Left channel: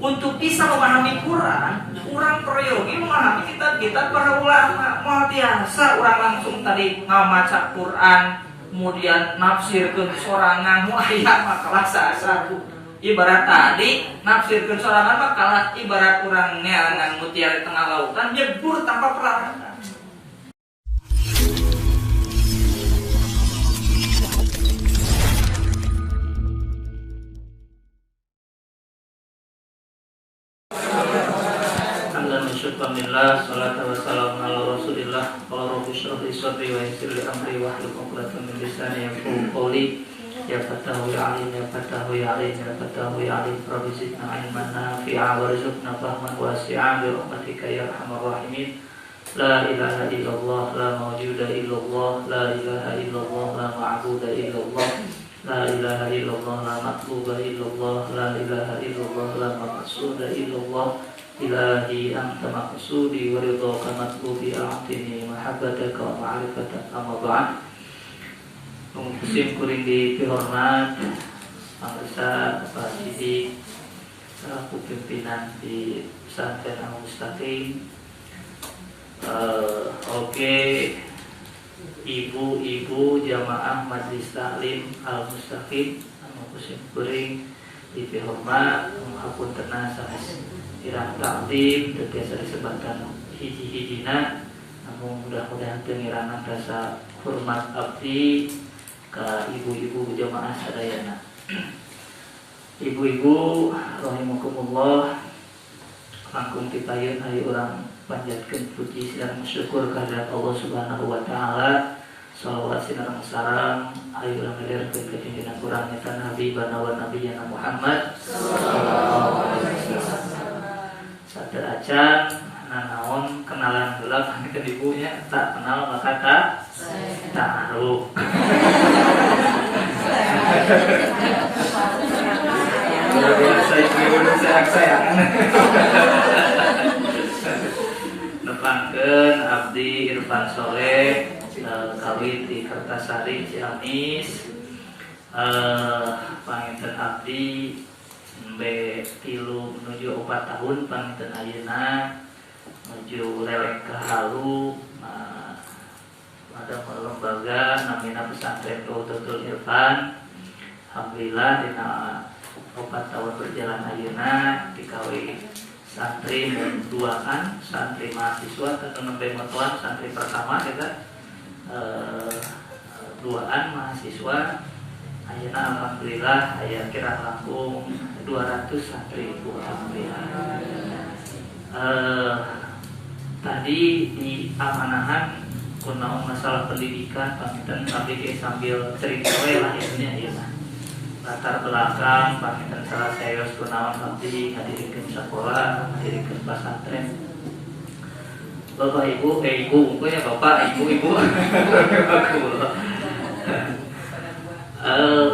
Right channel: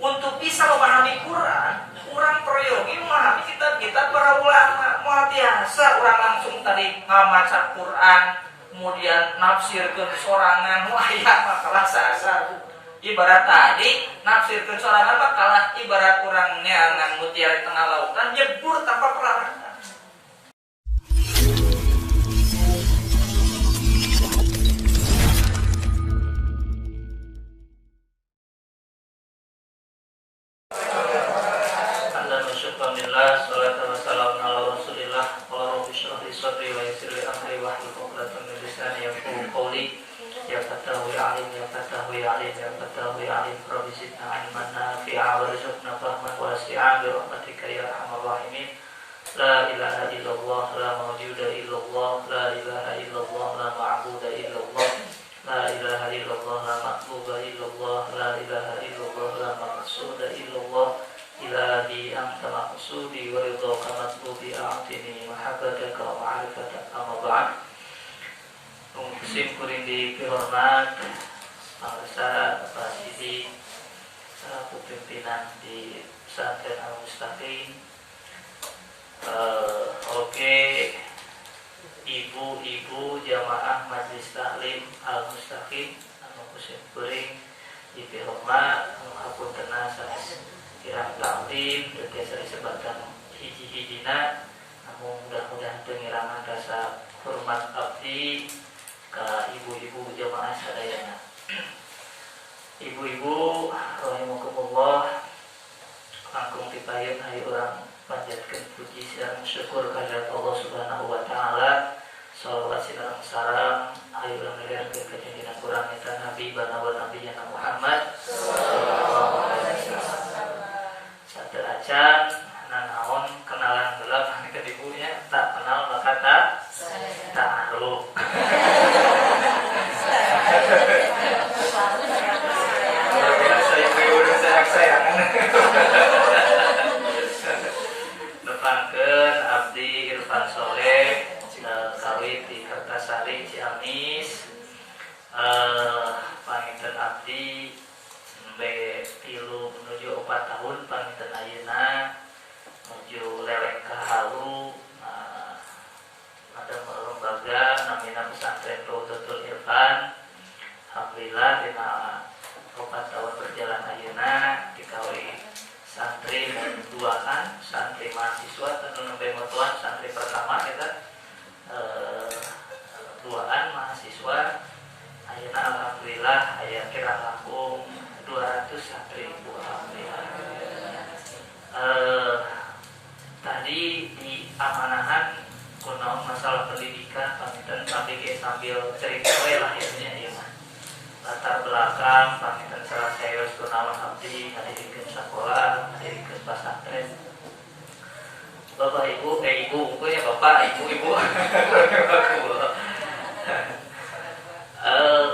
Untuk bisa memahami Quran, orang peryogi memahami kitab-kitab para ulama. Mau biasa orang langsung tadi ngamaca Quran, kemudian nafsirkeun sorangan, aya makalah satu. Ibarat tadi nafsirkeun sorangan mah kalah ibarat urangnya ngan mutiara di tengah lautan nyebur tanpa pelarangan. Alhamdulillah, salatu wassalamu ala rasulillah. Qala rabbi shrah li sadri wa yassir li amri wahlul 'uqdatam min lisani yafqahu qawli. Ya fatahu ya alim, ya fatahu ya alim, ya fatahu ya alim. Rabbi zidna ilman nafi'a warzuqna fahman wasi'a bi rahmatika ya arhamar rahimin. La ilaha illallah, la mawjuda illallah, la ilaha illallah, la ma'buda illallah. La ilaha illallah, la matluba illallah, la ilaha illallah, la maqsuda illallah. Ilahi anta maqsudi wa ridhaka matlubi a'tini mahabbataka wa ma'rifataka amma ba'd. Musim kuring di hormat pangresa Pak Sidi selaku pimpinan di pesantren Al-Mustaqim. Oke, ibu-ibu jamaah Majelis Taklim Al-Mustaqim anu musim kuring di hormat ngapuntenna sanes kirang taklim dan biasa disebutkan hiji-hijina, namun mudah-mudahan pengirangan rasa hormat abdi ke ibu-ibu jamaah sadayana. Ibu-ibu rahimakumullah, langkung dipayun hari orang panjatkeun puji sareng syukur kehadirat Allah Subhanahu wa taala. Shalawat sinareng sareng ayo urang ngaliarkeun ka junjungan urang eta Nabi banawa Nabiyana Muhammad sallallahu alaihi wasallam. Satu acan nanaon kenalan gelap kita ibunya tak kenal maka tak taruh. Luar biasa ibu sayang-sayangan. Nepangkeun abdi Irfan Soleh kawit di Kertasari Ciamis. Panginten abdi tilu menuju 4 tahun panginten ayeuna menuju leleng kahalu. Ada lembaga namina pesantren Rawdatul Irfan. Alhamdulillah dina 4 tahun berjalan ayeuna dikawin santri duaan, santri mahasiswa tentu nembe motoan santri pertama kita duaan mahasiswa. Ayeuna alhamdulillah aya kira langkung 200 santri ibu alhamdulillah. Tadi di amanahan kunaon masalah pendidikan panginten abdi sambil cerita we lah ya mah. Latar belakang panginten salah saeus kunaon abdi ngadirikeun sakola, ngadirikeun pesantren. Bapak ibu, ibu punya bapak, ibu.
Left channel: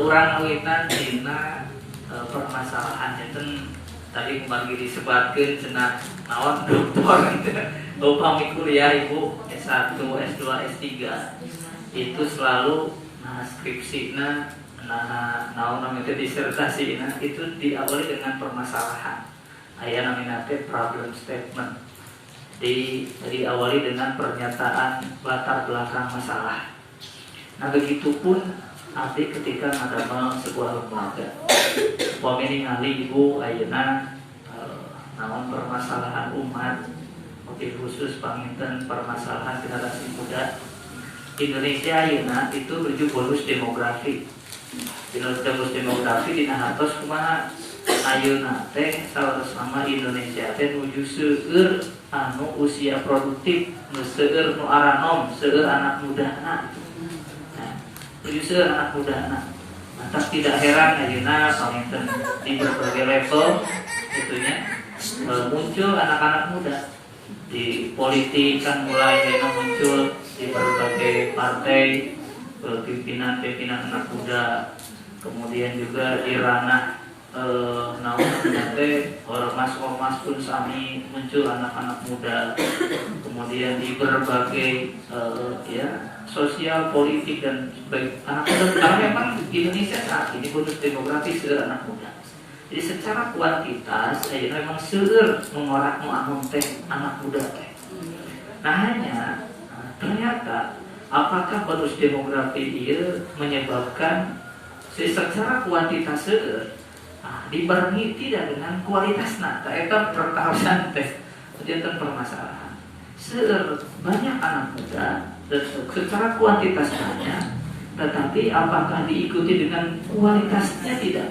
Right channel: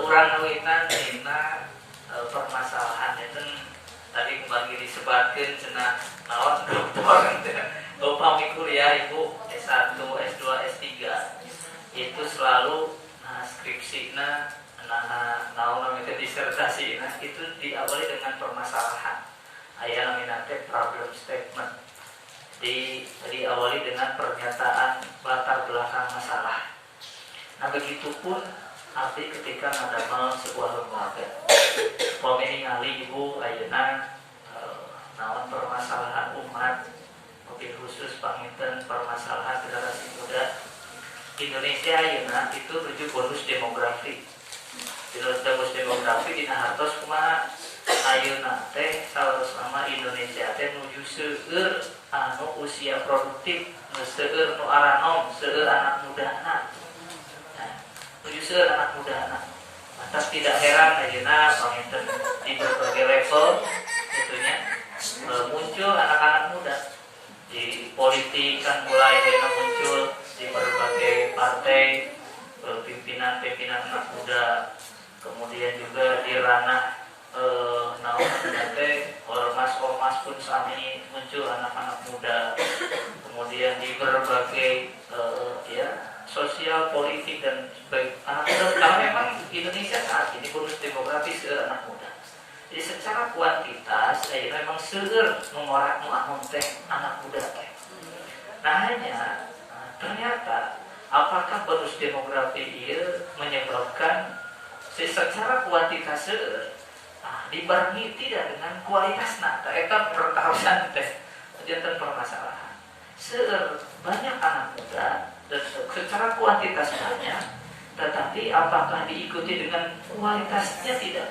Urang ngawitan dina permasalahan itu tadi kembali disebutkan cenah naon doktor upami kuliah ibu S1, S2, S3 itu selalu skripsina naon namanya disertasina itu diawali dengan permasalahan. Aya namina teh problem statement. Diawali dengan pernyataan latar belakang masalah. Nah begitupun abdi ketika ngadamel sebuah lembaga. Upami ningali ibu ayeuna naon permasalahan umat, mobil khusus panginten permasalahan generasi muda. Indonesia ayeuna itu 7 bonus demografi. Bonus demografi dina hartos kumaha? Ayeuna teh saweras nama Indonesia teh nuju seueur anu usia produktif, seueur nu aranom, seueur anak mudana. User anak muda anak, maka tidak heran ayeuna panginten di berbagai level itunya muncul anak-anak muda di politik kan mulai muncul di berbagai partai pimpinan anak muda, kemudian juga di ranah naon teh ormas pun sami muncul anak-anak muda, kemudian di berbagai sosial, politik dan baik anak muda karena memang Indonesia saat ini bonus demografi seueur anak muda. Jadi secara kuantitas ayeuna memang seueur mengorak nu anom teh anak muda teh. Nah hanya ternyata apakah bonus demografi ieu menyebabkan secara kuantitas seueur dibarengi tidak dengan kualitasna. Eta pertahasan teh janten permasalahan. Seueur banyak anak muda dan secara kuantitas banyak, tetapi apakah diikuti dengan kualitasnya tidak?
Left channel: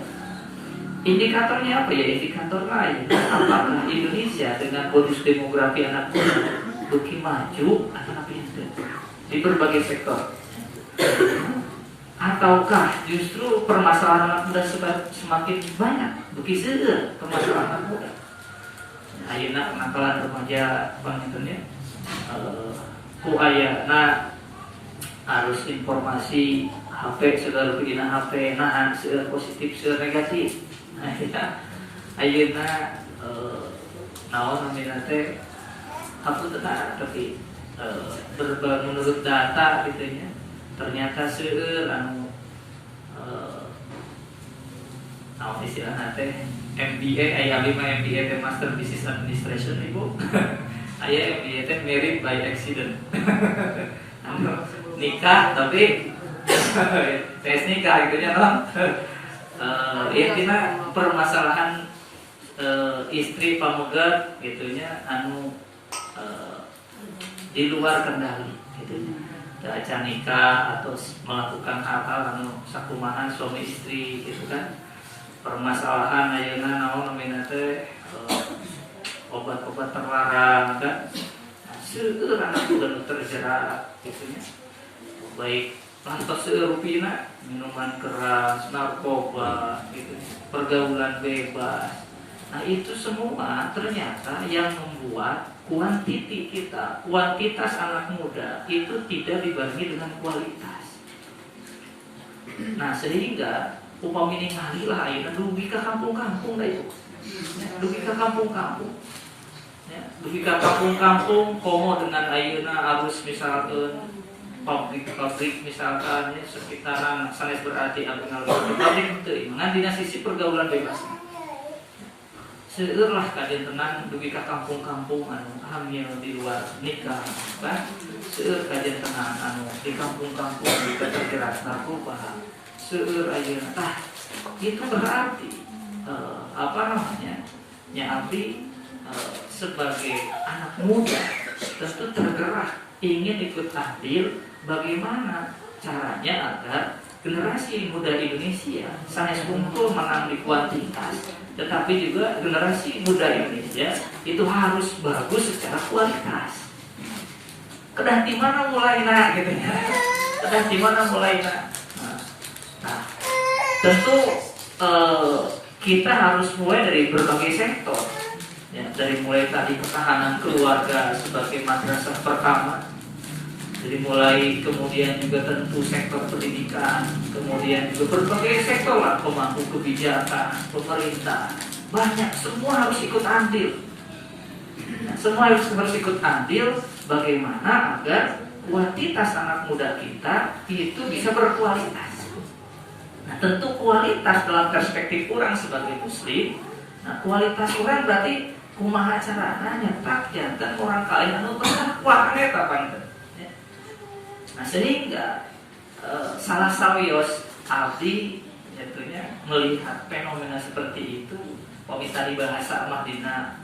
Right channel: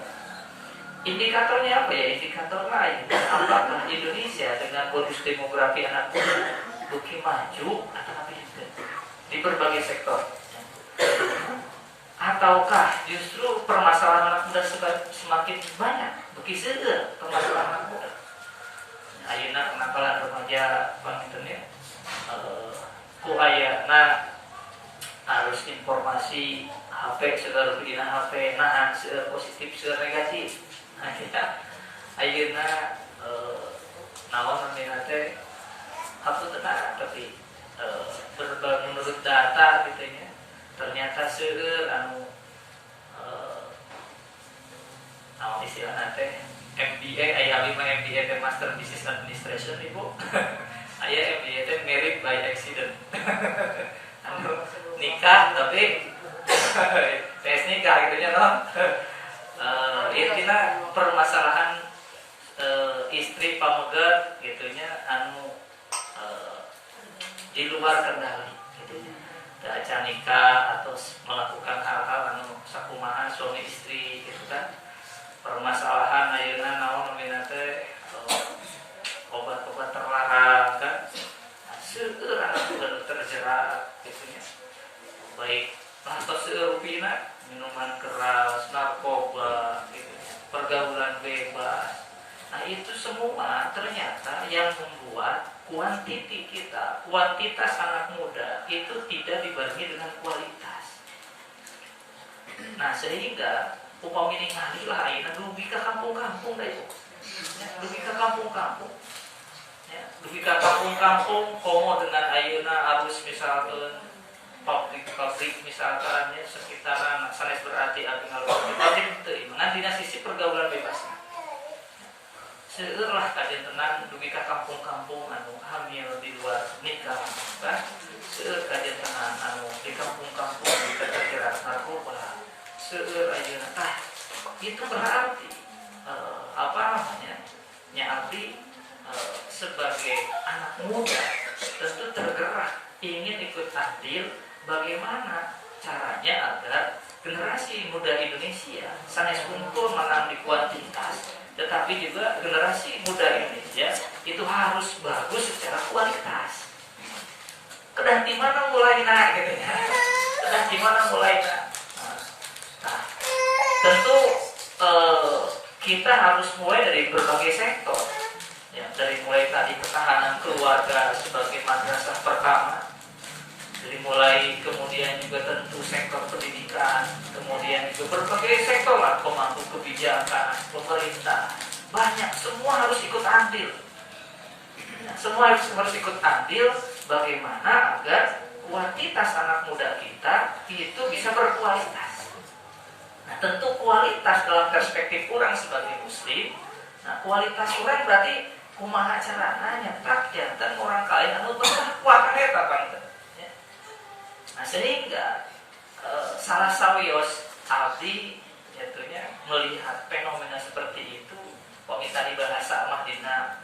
Indikatornya apa ya? Indikator lain. Apakah Indonesia dengan bonus demografi anak muda beki maju atau pintu di berbagai sektor? Ataukah justru permasalahan anak muda semakin banyak beki seueur permasalahan anak muda? Ayeuna kenakalan remaja pangintennya ku ayeuna harus informasi HP seueur pidina HP nahan seueur positif seueur negatif. Ayeuna naon namina teh hapuntenna tapi menurut data gitu nya ternyata seueur anu naon istilahna teh MBA aya abdi mah MBA teh Master Business Administration Ibu. Aya MBA teh married by accident. Anu nikah tapi tes nikah gitu nya non. Intinya permasalahan istri pamegat gitunya anu di luar kendali gitunya. Acara nikah atau melakukan hal-hal anu sakumaha suami istri gitu kan. Permasalahan ayeuna naon namina teh obat-obat terlarang kan. Seueur anak muda nu terjerat gitunya. Baik lantas seueur rupina minuman keras, narkoba, gitu, pergaulan bebas. Nah itu semua ternyata yang membuat kuantitas anak muda itu tidak dibarengi dengan kualitas. Nah sehingga upami ningali lah ayeuna dugi ka kampung-kampung da itu. Ya, dugi ka kampung-kampung. Ya, dugi ka kampung-kampung komo dengan ayeuna arus misalkan pabrik misalkan ya sekitaran sanes berarti abdi pabrik teu ngan dina sisi pergaulan bebas. Seueur lah kajian tenang dugi ka kampung-kampung anu hamil di luar nikah kan. Seueur kajian tenang anu di kampung-kampung terjerat narkoba. Seueur ayeuna tah itu berarti apa namanya? Nya abdi sebagai anak muda tentu tergerak ingin ikut andil bagaimana caranya agar generasi muda Indonesia sanes unggul menang di kuantitas, tetapi juga generasi muda Indonesia itu harus bagus secara kualitas. Kedah di mana mulainya gitu ya? Kedah di mana mulainya? Nah, tentu kita harus mulai dari berbagai sektor. Ya, dari mulai tadi ketahanan keluarga sebagai madrasah pertama. Jadi mulai kemudian juga tentu sektor pendidikan, kemudian juga berbagai sektor lah, pemangku kebijakan, pemerintah, banyak semua harus ikut andil. Nah, semua harus ikut andil bagaimana agar kuantitas anak muda kita itu bisa berkualitas. Nah tentu kualitas dalam perspektif orang sebagai muslim, nah kualitas orang berarti kumaha carana nyetak jantan orang kalian anu bertakwa kan eta panten. Nah sehingga salah sawios abdi jatuhnya melihat fenomena seperti itu, pemintah bahasa mah dina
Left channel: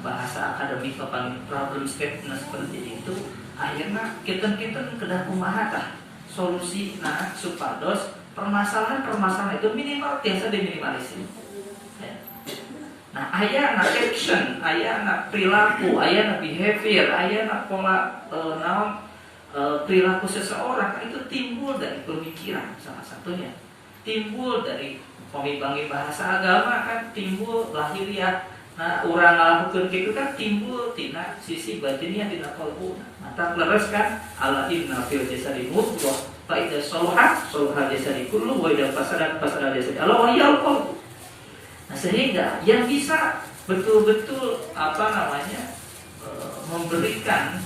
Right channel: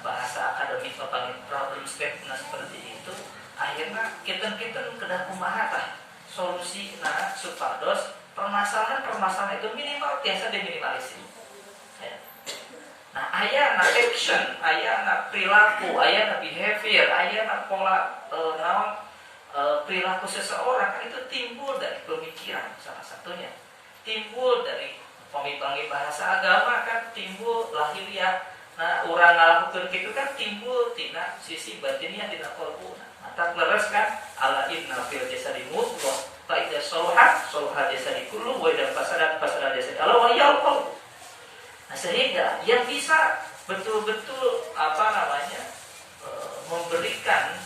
bahasa akademik paling problem statement seperti itu, akhirnya kita kedah kumaha tah solusi nah supados permasalahan itu minimal biasa diminimalisir. Ya. Nah aya na action, aya na perilaku, aya na behavior, aya na pola perilaku seseorang itu timbul dari pemikiran salah satunya, timbul dari pemimbangi bahasa agama kan, timbul lahiriah. Nah urang ngalakukeun kitu kan timbul tina sisi batinnya tina qalbuna. Mata leres kan ala inna fil jasadi mudghah fa idza salahat salaha jasadi kullu wa idza fasadat fasada jasadi ala wa yal qalb. Nah sehingga yang bisa betul-betul memberikan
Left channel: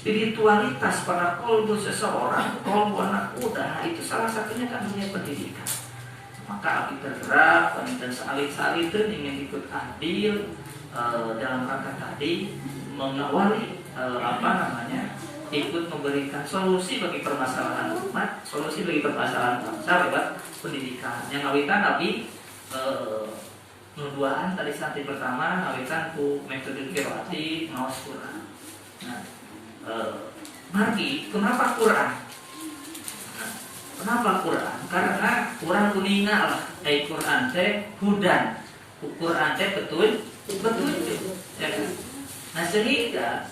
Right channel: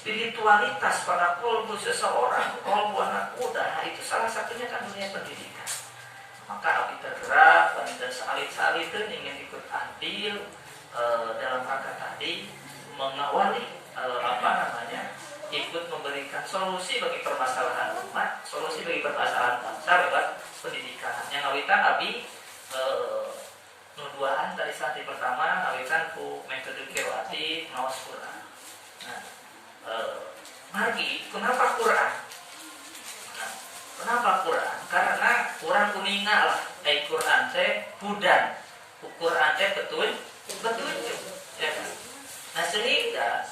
spiritualitas pada kolbu seseorang, kolbu anak muda, itu salah satunya kan dunia pendidikan. Maka Abi bergerak dan salit-salit ingin ikut adil dalam rangka tadi mengawali ikut memberikan solusi bagi permasalahan umat, solusi bagi permasalahan bangsa lewat pendidikan. Yang awitan Abi nuduaan tadi santri pertama awitan ku metode qiraati maos Quran. Nah, margi kenapa Quran? Kenapa Quran? Karena Quran kuninga lah, Quran teh hudan, Quran teh petunjuk. Ya. Nah sehingga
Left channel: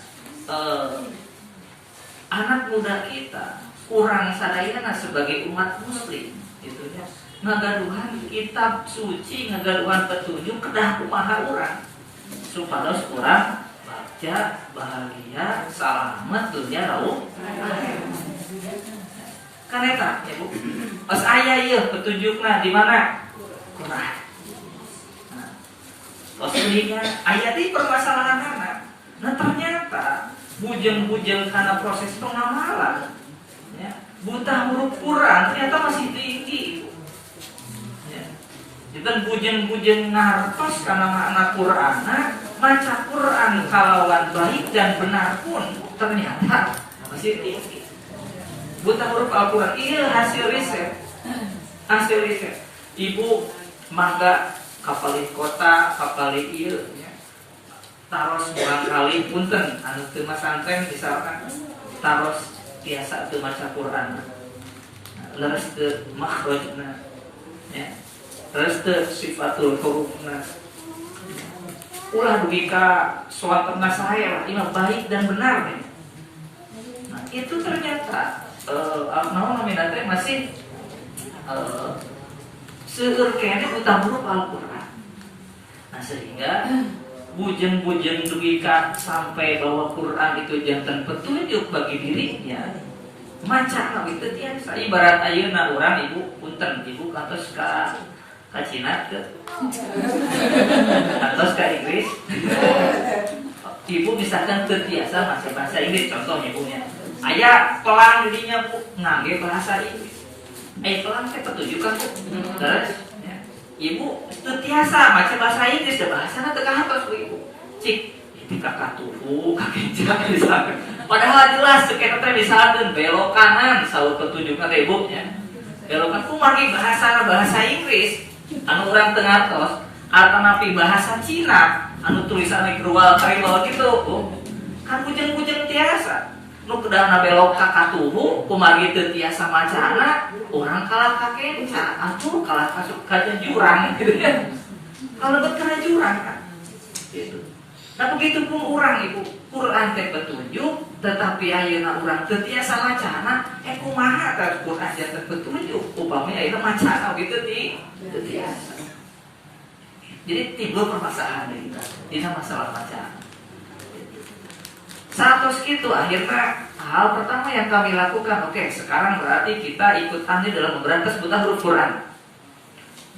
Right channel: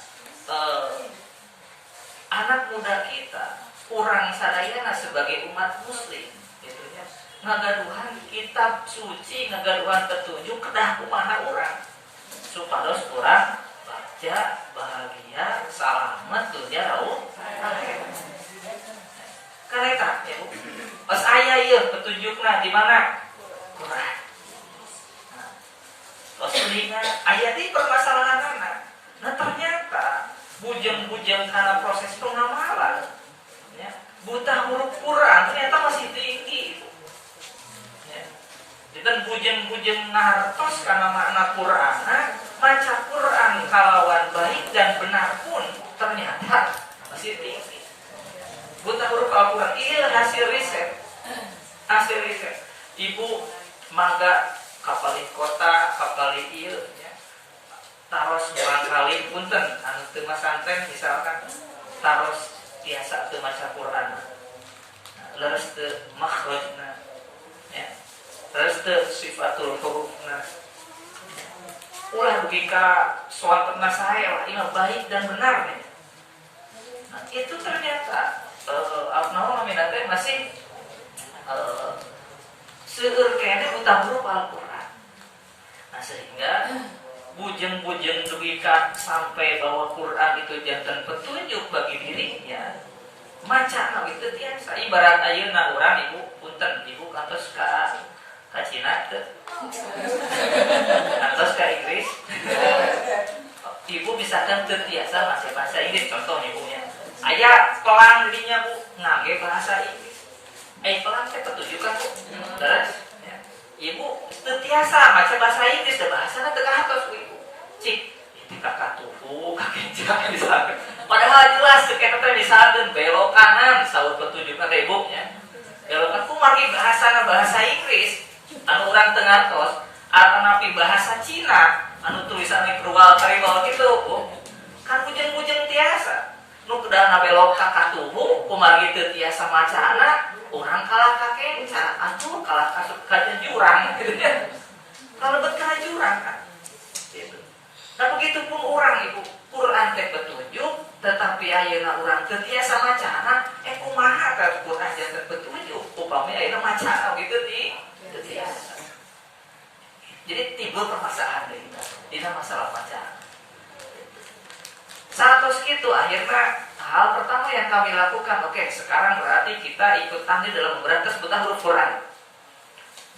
anak muda kita, kurang sadayana sebagai umat Muslim, gitu ya, ngagaduhan kitab suci, ngagaduhan petunjuk kedah kumaha urang, supados urang baca bahagia, selamat dunia rauh akhirat. Kan eta ya Bu. Pas aya ieu petunjukna di mana? Quran. Nah, koslinya aya di permasalahanna. Nah ternyata bujeng-bujeng karena proses pengamalan ya, buta huruf Quran ternyata masih tinggi. Ya. Dan bujeng-bujeng ngartos karena makna Quran, maca Quran kalawan baik dan benar pun ternyata masih tinggi. Buta huruf Al-Quran, iya hasil riset. Ibu mangga kapalin kota, kapalin iya ya. Taros barangkali punten anu teu masantren misalkan taros biasa teu maca Quran. Leres teu makhrajna ya. Leres teu sifatul hurufna. Ulah dugi ka soantna saya lah, imam baik dan benar nih. Nah, itu ternyata nominatnya masih seueur kene buta huruf Al-Quran. Nah sehingga bujeng-bujeng dugi ka sampai bahwa Quran itu jantan petunjuk bagi dirinya, maca itu tiasa. Ibarat ayeuna urang ibu punten ibu kantos ka Cina teh, kantos ka Inggris, ibu misalkan terbiasa maca bahasa Inggris contohnya ibunya. Aya pelang dirinya Bu ngangge bahasa Inggris. Pelang teh petunjukan Bu. Terus ya. Ibu terbiasa maca bahasa Inggris, bahasana teu kahapal Bu ibu. Cik, itu kakak tuhu, kakek jak misalkan. Padahal jelas teu eta teh misalkan belok kanan saur petunjukna teh Bu ya. Belok kanan ku margi bahasana bahasa Inggris anu urang teu ngartos, atanapi bahasa Cina anu tulisanna kruwal kariwal gitu Bu. Kan bujeng-bujeng tiasa. Nu kedah belok ka katuhu kumargi teu tiasa macana urang kalah ka kenca atuh kalah ka jurang gitu ya. Kalebet ka jurang kan gitu. Nah begitu pun urang ibu Quran teh petunjuk tetapi ayeuna urang teu tiasa macana kumaha tah Quran teh petunjuk upami ayeuna macana gitu teu tiasa. Jadi timbul permasalahan deui dina masalah macana. Satos gitu akhirnya hal pertama yang kami lakukan, oke, sekarang berarti kita ikut andil dalam memberantas buta huruf Quran.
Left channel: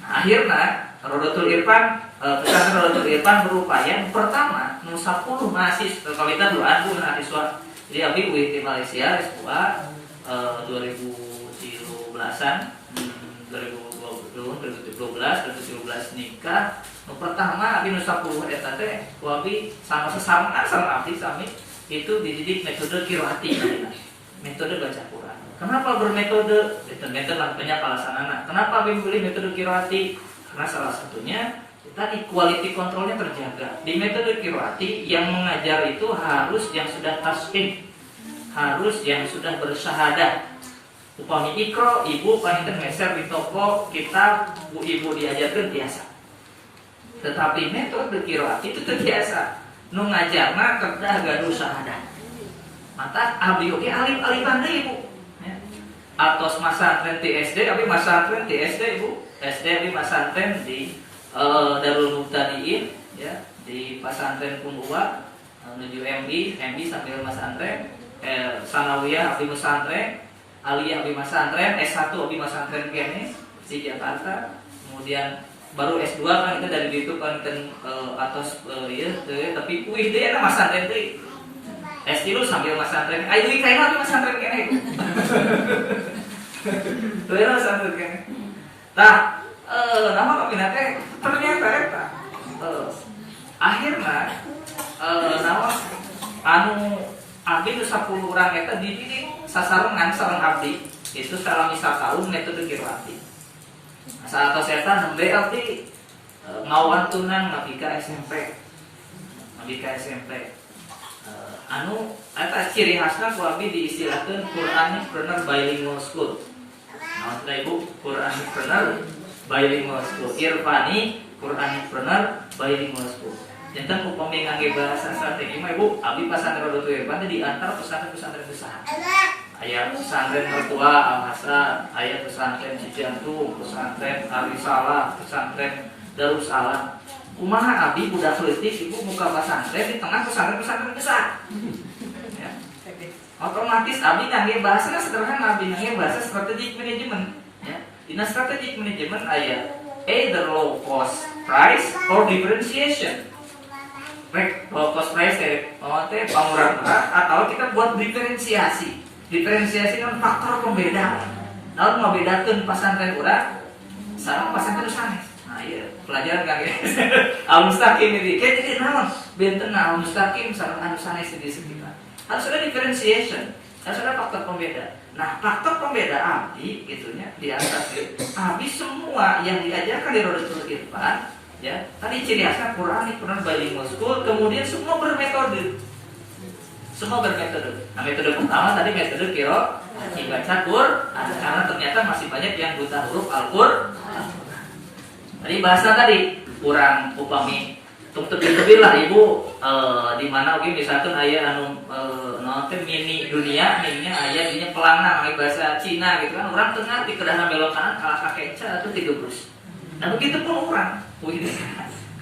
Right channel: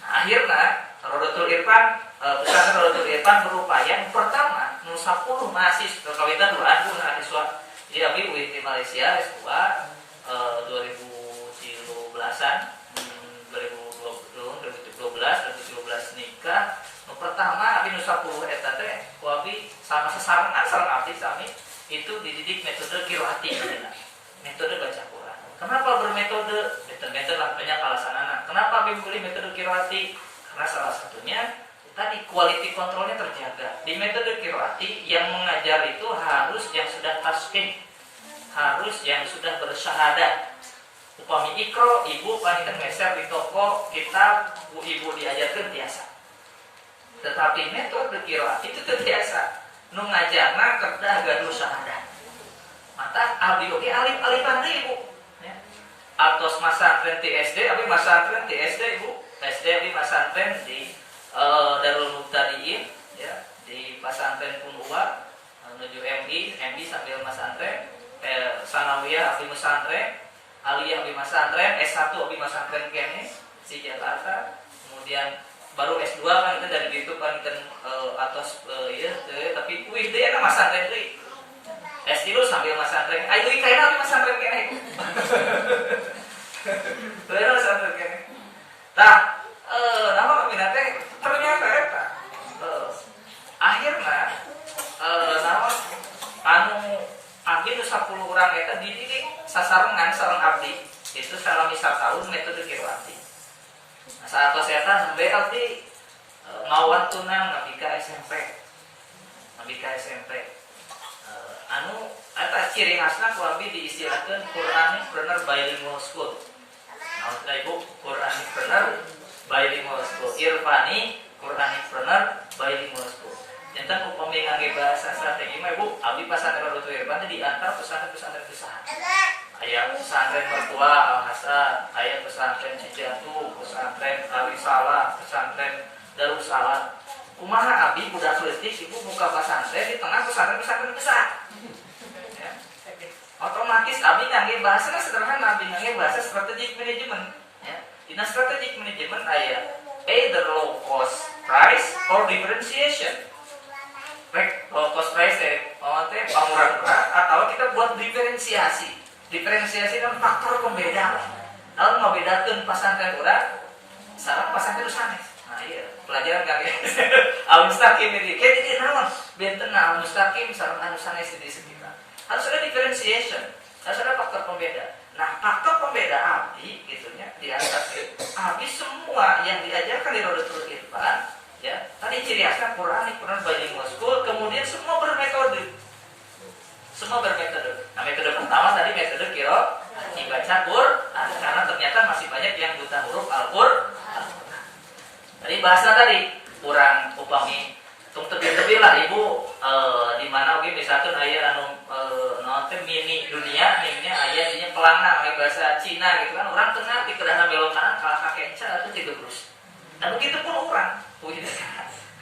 Nah, akhirnya Rodotul Irfan, pesantren Rodotul Irfan berupaya pertama 10 mahasiswa kawitan 2 mahasiswa. Jadi abi uih di Malaysia S2 2017-an 2017 nikah. Pertama abi 10 eta teh abi sama sesama sareng abdi sami itu dididik metode qiraati, metode baca Quran. Kenapa bermetode? Metode lah banyak alasanana. Kenapa memilih metode qiraati? Karena salah satunya tadi quality controlnya terjaga. Di metode qiraati yang mengajar itu harus yang sudah tasqih, harus yang sudah bersyahadah. Upami ikro, ibu paling meser di toko kitab, ibu diajarkan biasa. Tetapi metode qiraati itu terbiasa. Nu ngajarna kedah gaduh syahadah. Mata abdi oge alif-alifan deui Bu. Ya. Atos masantren di SD, abi masantren di SD Bu. SD abi masantren di Darul Muqtadiin ya, di Pasantren Punua menuju MI sambil masantren, Sanawiyah abi masantren, Aliyah abi masantren, S1 abi masantren kene di Jakarta. Kemudian baru S2 kan kita dari gitu kan atas tapi wih deh enak masantren deui. S3 sambil masantren. Ayo duit kain abi masantren kene. Tuh ya masantren kene. Tah, nama kami teh ternyata eta. Akhirna nama anu abdi nu 10 urang eta dididik sasarengan sareng abdi itu salami tahun metode Kirwati. Nah, saat eta nembe abdi ngawantunan ngabi ka SMP. Anu eta ciri khasna ku abdi diistilahkeun Quranic Bilingual School. Naon teh Ibu? Quranic Bilingual School. Irfani Quranic Bilingual School. Jantan upami ngangge bahasa strategi mah Ibu, abdi pasantren Lutfi Irfan teh diantar pesantren-pesantren besar. Aya pesantren Mertua Al-Hasan, aya pesantren Cijantung, pesantren Al-Risalah, pesantren Darussalam. Kumaha abdi budak leutik Ibu muka pesantren di tengah pesantren-pesantren besar. Ya. Otomatis abdi ngangge bahasa sederhana, abdi ngangge bahasa strategic management. Ya. Dina strategic management aya either low cost price or differentiation. Baik, low cost price teh pamurah-murah atau kita buat diferensiasi. Diferensiasi dan faktor pembeda. Naon ngabedakeun pasantren urang sareng pasantren sanes. Nah, iya, pelajaran kami. Al-Mustaqim ini kayak jadi naon? Benten Al-Mustaqim sareng anu sanes di sekitar. Harus ada differentiation, harus ada faktor pembeda. Nah, faktor pembeda abdi gitunya di atas abdi semua yang diajarkan di Rodatul Irfan, ya. Tadi ciri khasnya Quranic Bilingual School, kemudian semua bermetode. Nah, metode pertama tadi metode kiro dibaca Quran, karena ternyata masih banyak yang buta huruf Al-Qur'an. Tadi bahasa tadi kurang upami tung tebih-tebih lah Ibu di mana oke misalkan aya anu nonton mini dunia mininya aya dinya pelanang anu bahasa Cina gitu kan orang tengah di kedahan belok kanan kalah kakenca atau digebrus. Nah begitu pun orang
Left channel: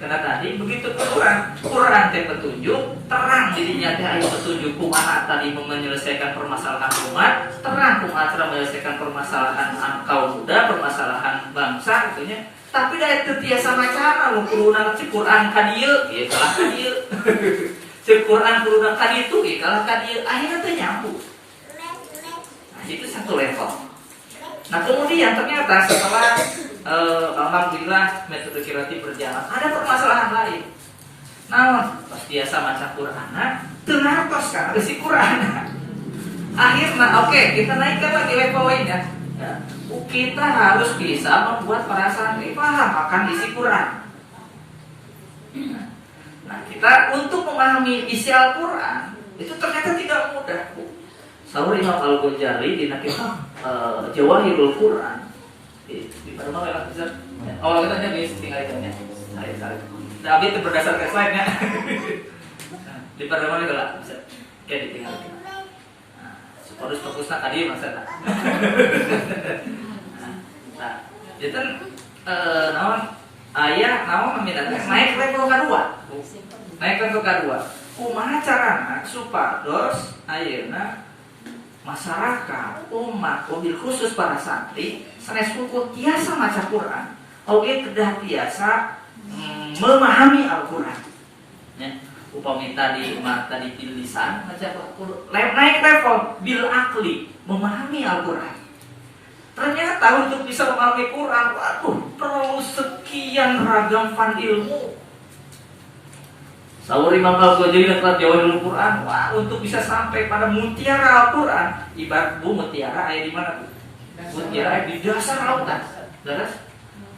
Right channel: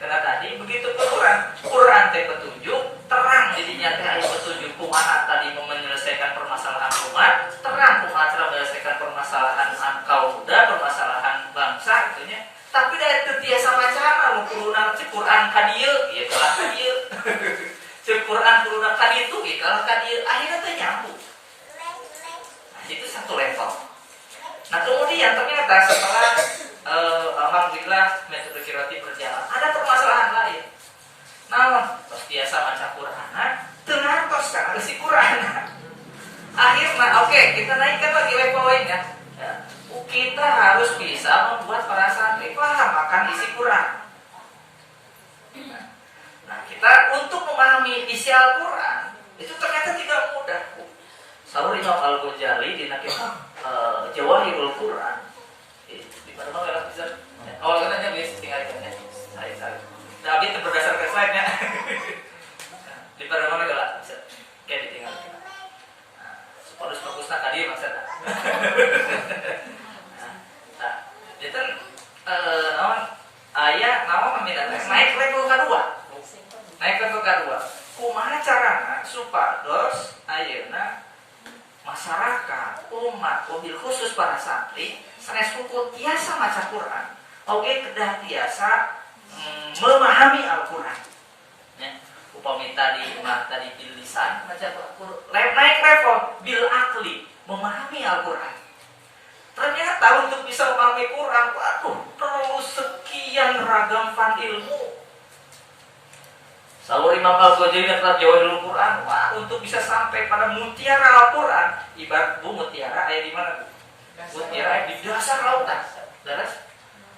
karena tadi begitu pun orang Quran teh petunjuk terang jadinya teh aya petunjuk kumaha tadi menyelesaikan permasalahan umat, terang kumaha cara menyelesaikan permasalahan kaum muda, permasalahan bangsa gitunya. Tapi dari tetiasa macana nu kuruna cek Quran ka dieu, ieu kalah ka dieu. Cek Quran kuruna ka ditu, ieu kalah ka dieu. Akhirnya teh nyambung. Nah, itu satu level. Nah, kemudian ternyata setelah alhamdulillah metode Kirwati berjalan, ada permasalahan lain. Naon? Pas biasa maca Qur'ana, teu ngartos kan ada si Qur'an. Akhirnya oke, kita naikkan lagi level lainnya. Ya. Kita harus bisa membuat para santri paham akan isi Quran. Nah, kita untuk memahami isi Al-Quran itu ternyata tidak mudah. Saur Imam Al-Ghazali di kitab Jawahirul Quran di pada mana lah bisa. Oh, katanya guys, tinggal ikannya. Saya. Tapi itu berdasarkan slide-nya. Di pada mana lah bisa. Kayak ditinggal. Harus fokusnya tadi maksudnya. Nah, jadi naon aya naon membedakan naik level kedua. Naik level kedua. Kumaha carana supados ayeuna masyarakat, umat, mobil khusus para santri sanes hukum tiasa maca Quran, oge kedah tiasa memahami Al-Quran. Ya. Upami tadi bil lisan naik level bil akli memahami Al-Quran. Ternyata untuk bisa memahami Quran, waduh, perlu sekian ragam fan ilmu. Saur Imam Al-Ghazali telah Jawahirul Quran, wah, untuk bisa sampai pada mutiara Al-Quran, ibarat Bu mutiara aya di mana Bu? Mutiara aya di dasar lautan. Terus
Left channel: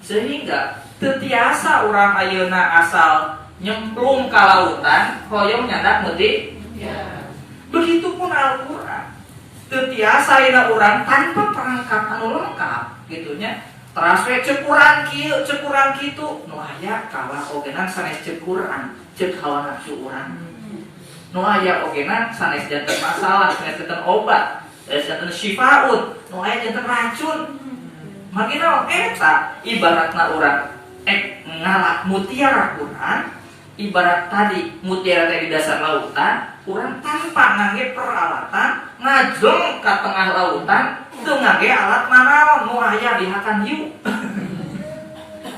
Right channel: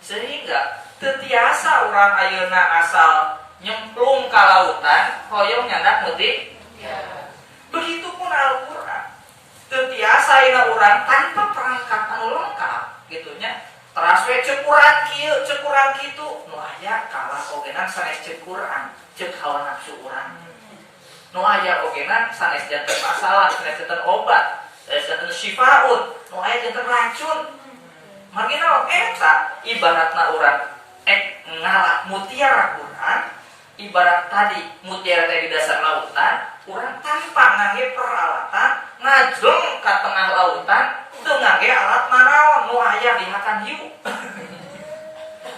sehingga tetiasa orang ayeuna asal nyemplung ke lautan, hoyong nyandak meuti. Ya. Begitupun Al-Quran. Tetiasa ayeuna urang tanpa perangkat anu lengkap, gitunya. Teras we cekuran kieu, cekuran kitu, nu aya kalah ogenan sanes cekuran, cek hawa nafsu urang. Nu aya ogenan sanes janten masalah, sanes janten obat, sanes janten syifaun, nu aya janten racun. Magina eta ibaratna urang ngalak mutiara Quran. Ibarat tadi mutiara di dasar lautan, kurang tanpa ngangge peralatan ngajeng ke tengah lautan, teu ngangge alat nanaon nu aya di hakan hiu.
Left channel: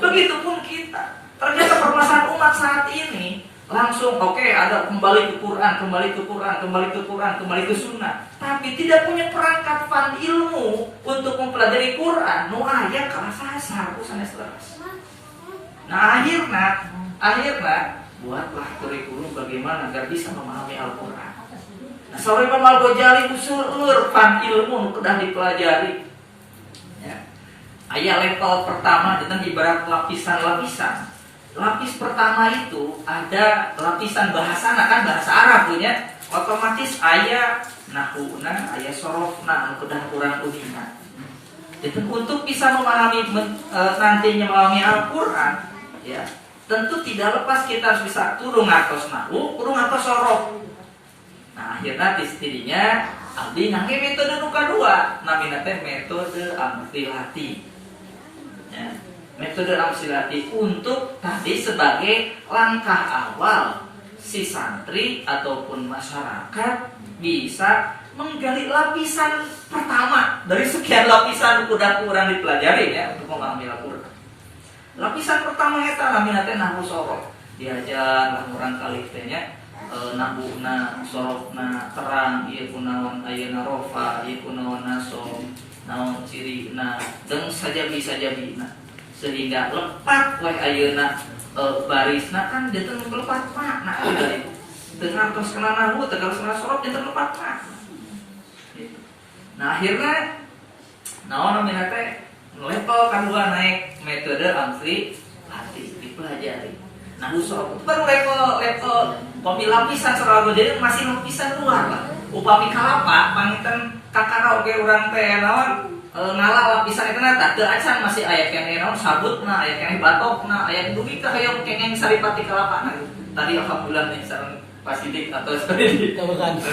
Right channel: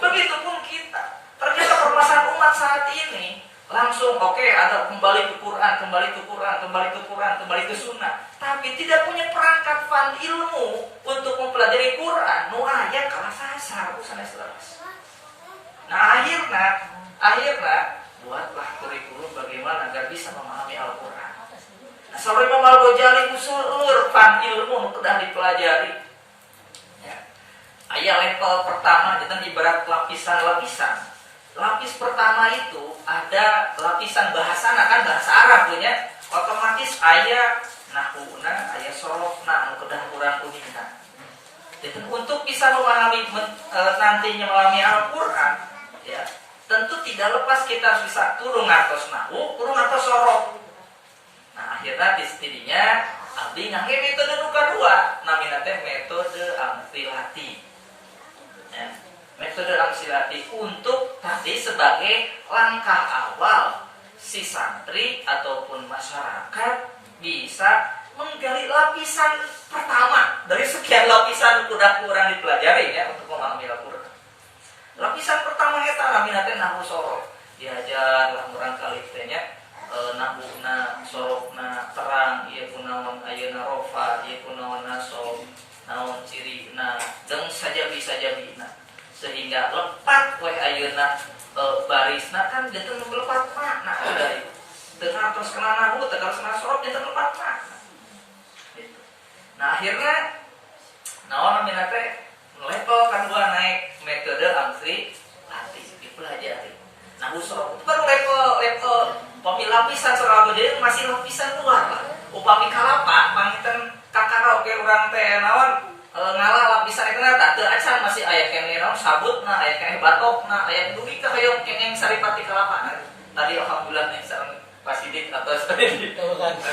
Begitupun kita. Ternyata permasalahan umat saat ini langsung ada kembali ke Quran, kembali ke sunnah, tapi tidak punya perangkat fan ilmu untuk mempelajari Quran, nu aya kalah sasar ku sanes teras. Nah akhirnya buatlah kurikulum bagaimana agar bisa memahami Al-Quran. Nah, sore Imam Al-Ghazali usulur fan ilmu nu kedah dipelajari. Ya. Aya level pertama dengan ibarat lapisan-lapisan. Lapis pertama itu ada lapisan bahasa, kan bahasa Arab punya, otomatis aya nahuna, aya sorofna, anu kedah kurang uningan. Jadi untuk bisa memahami nantinya memahami Al-Quran, ya tentu tidak lepas kita harus bisa turun atas nahu, turun atas sorof. Nah akhirnya tidinya abdi ngangge metode nu kadua, namina teh metode amsilati. Ya. Metode amsilati untuk tadi sebagai langkah awal si santri ataupun masyarakat bisa menggali lapisan pertama dari sekian lapisan udah kurang dipelajari ya untuk memahami Al-Quran. Lapisan pertama eta namina teh nahwu sorof. Diajar lah urang kali teh nya nahwuna sorofna terang ieu kunaon ayeuna rofa ieu kunaon nasab naon cirina jeung sajabi-sajabina. Sehingga lepat weh ayeuna barisna kan janten lepat makna dari dengan tos kana nahwu tegal sana sorof janten lepat makna gitu. Nah akhirnya naon namina teh level kedua naik metode amsilati dipelajari. Nahwu sorof itu kan level upami lapisan sorof jadi masih lapisan luar lah. Upami kalapa panginten kakara oge urang teh naon ngalah lapisan itu nata teu acan masih aya keneh naon sabutna, aya keneh batokna, aya dugi ka hayong kengeng saripati kalapana. Tadi alhamdulillah nih sareng Pasidik atau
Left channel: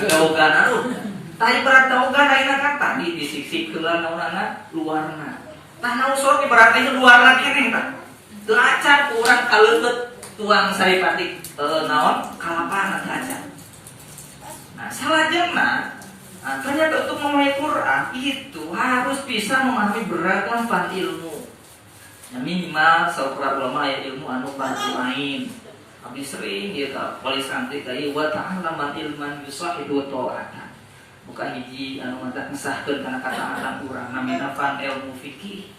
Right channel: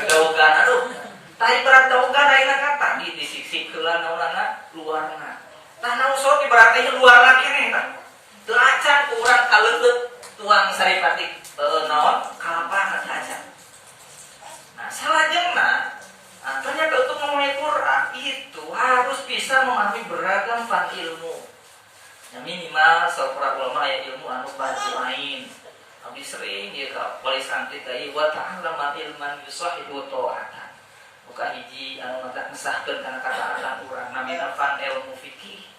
daogan aduh. Tah ibarat daogan ayeuna kan tadi disiksi-siksikeun naonana luarna. Tah nahwu sorof ibaratna luarna keneh tah. Teu acan ku urang kaleubeut tuang saripati naon kalapana teu acan. Nah, salajengna ternyata untuk memahami Quran itu harus bisa memahami beragam fan ilmu. Ya, minimal para ulama aya ilmu anu bantu lain. Abdi sering ieu ka wali santri kai wa ta'allaman ilman yusahidu ta'atan. Bukan hiji anu mantap ngesahkeun kana kataatan urang namina fan ilmu fikih.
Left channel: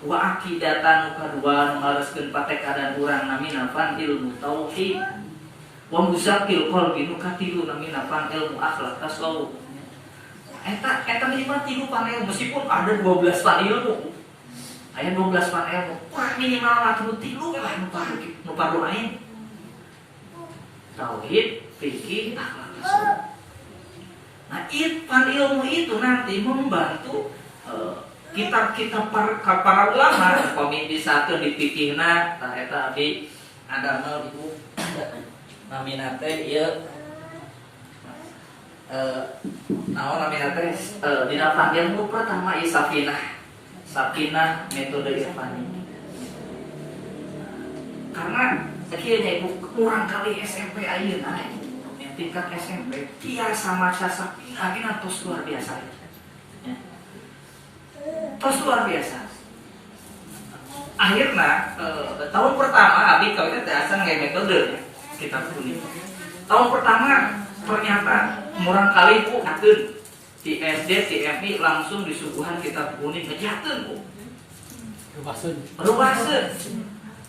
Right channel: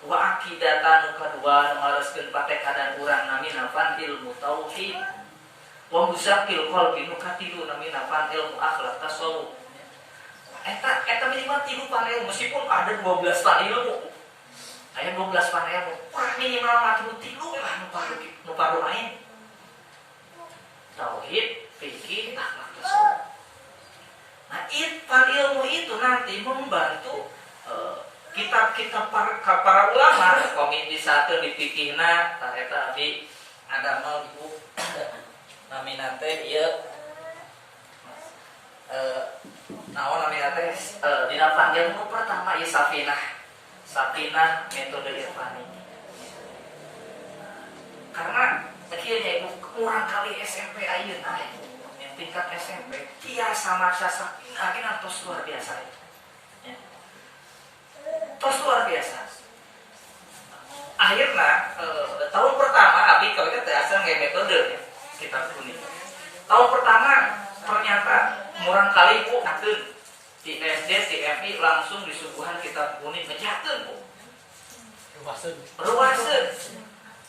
Wa aqidatan kadua nu ngareskeun patekadan urang namina fan ilmu tauhid. Wa muzakkil qalbi nu katilu namina fan ilmu akhlak tasawuf. Eta minimal 3 fan ilmu meskipun ada 12 fan ilmu. Aya 12 fan ilmu. Kurang minimal mah 3 lah nu pardu ain. Tauhid, fikih, akhlak tasawuf. Nah, fan ilmu itu nanti membantu kitab-kitab para ulama kami bisa teu dipikihna tah eta abdi adamel ibu namina teh ieu naon namina teh dina ilmu pertama ieu Safinah metode Irfani. Karena kieu nya ibu kurang kali SMP ayeuna yang tingkat SMP tiasa maksa Safinah gina tos luar biasa ya. Tos luar biasa. Akhirnya tahun pertama abdi kawin teh asal ngeuy metode ya. Kita kuning. Tahun pertama ternyata murang kali ku akeun di SD TMI langsung disuguhan kitab kuning ngejakeun ku. Rubaseun.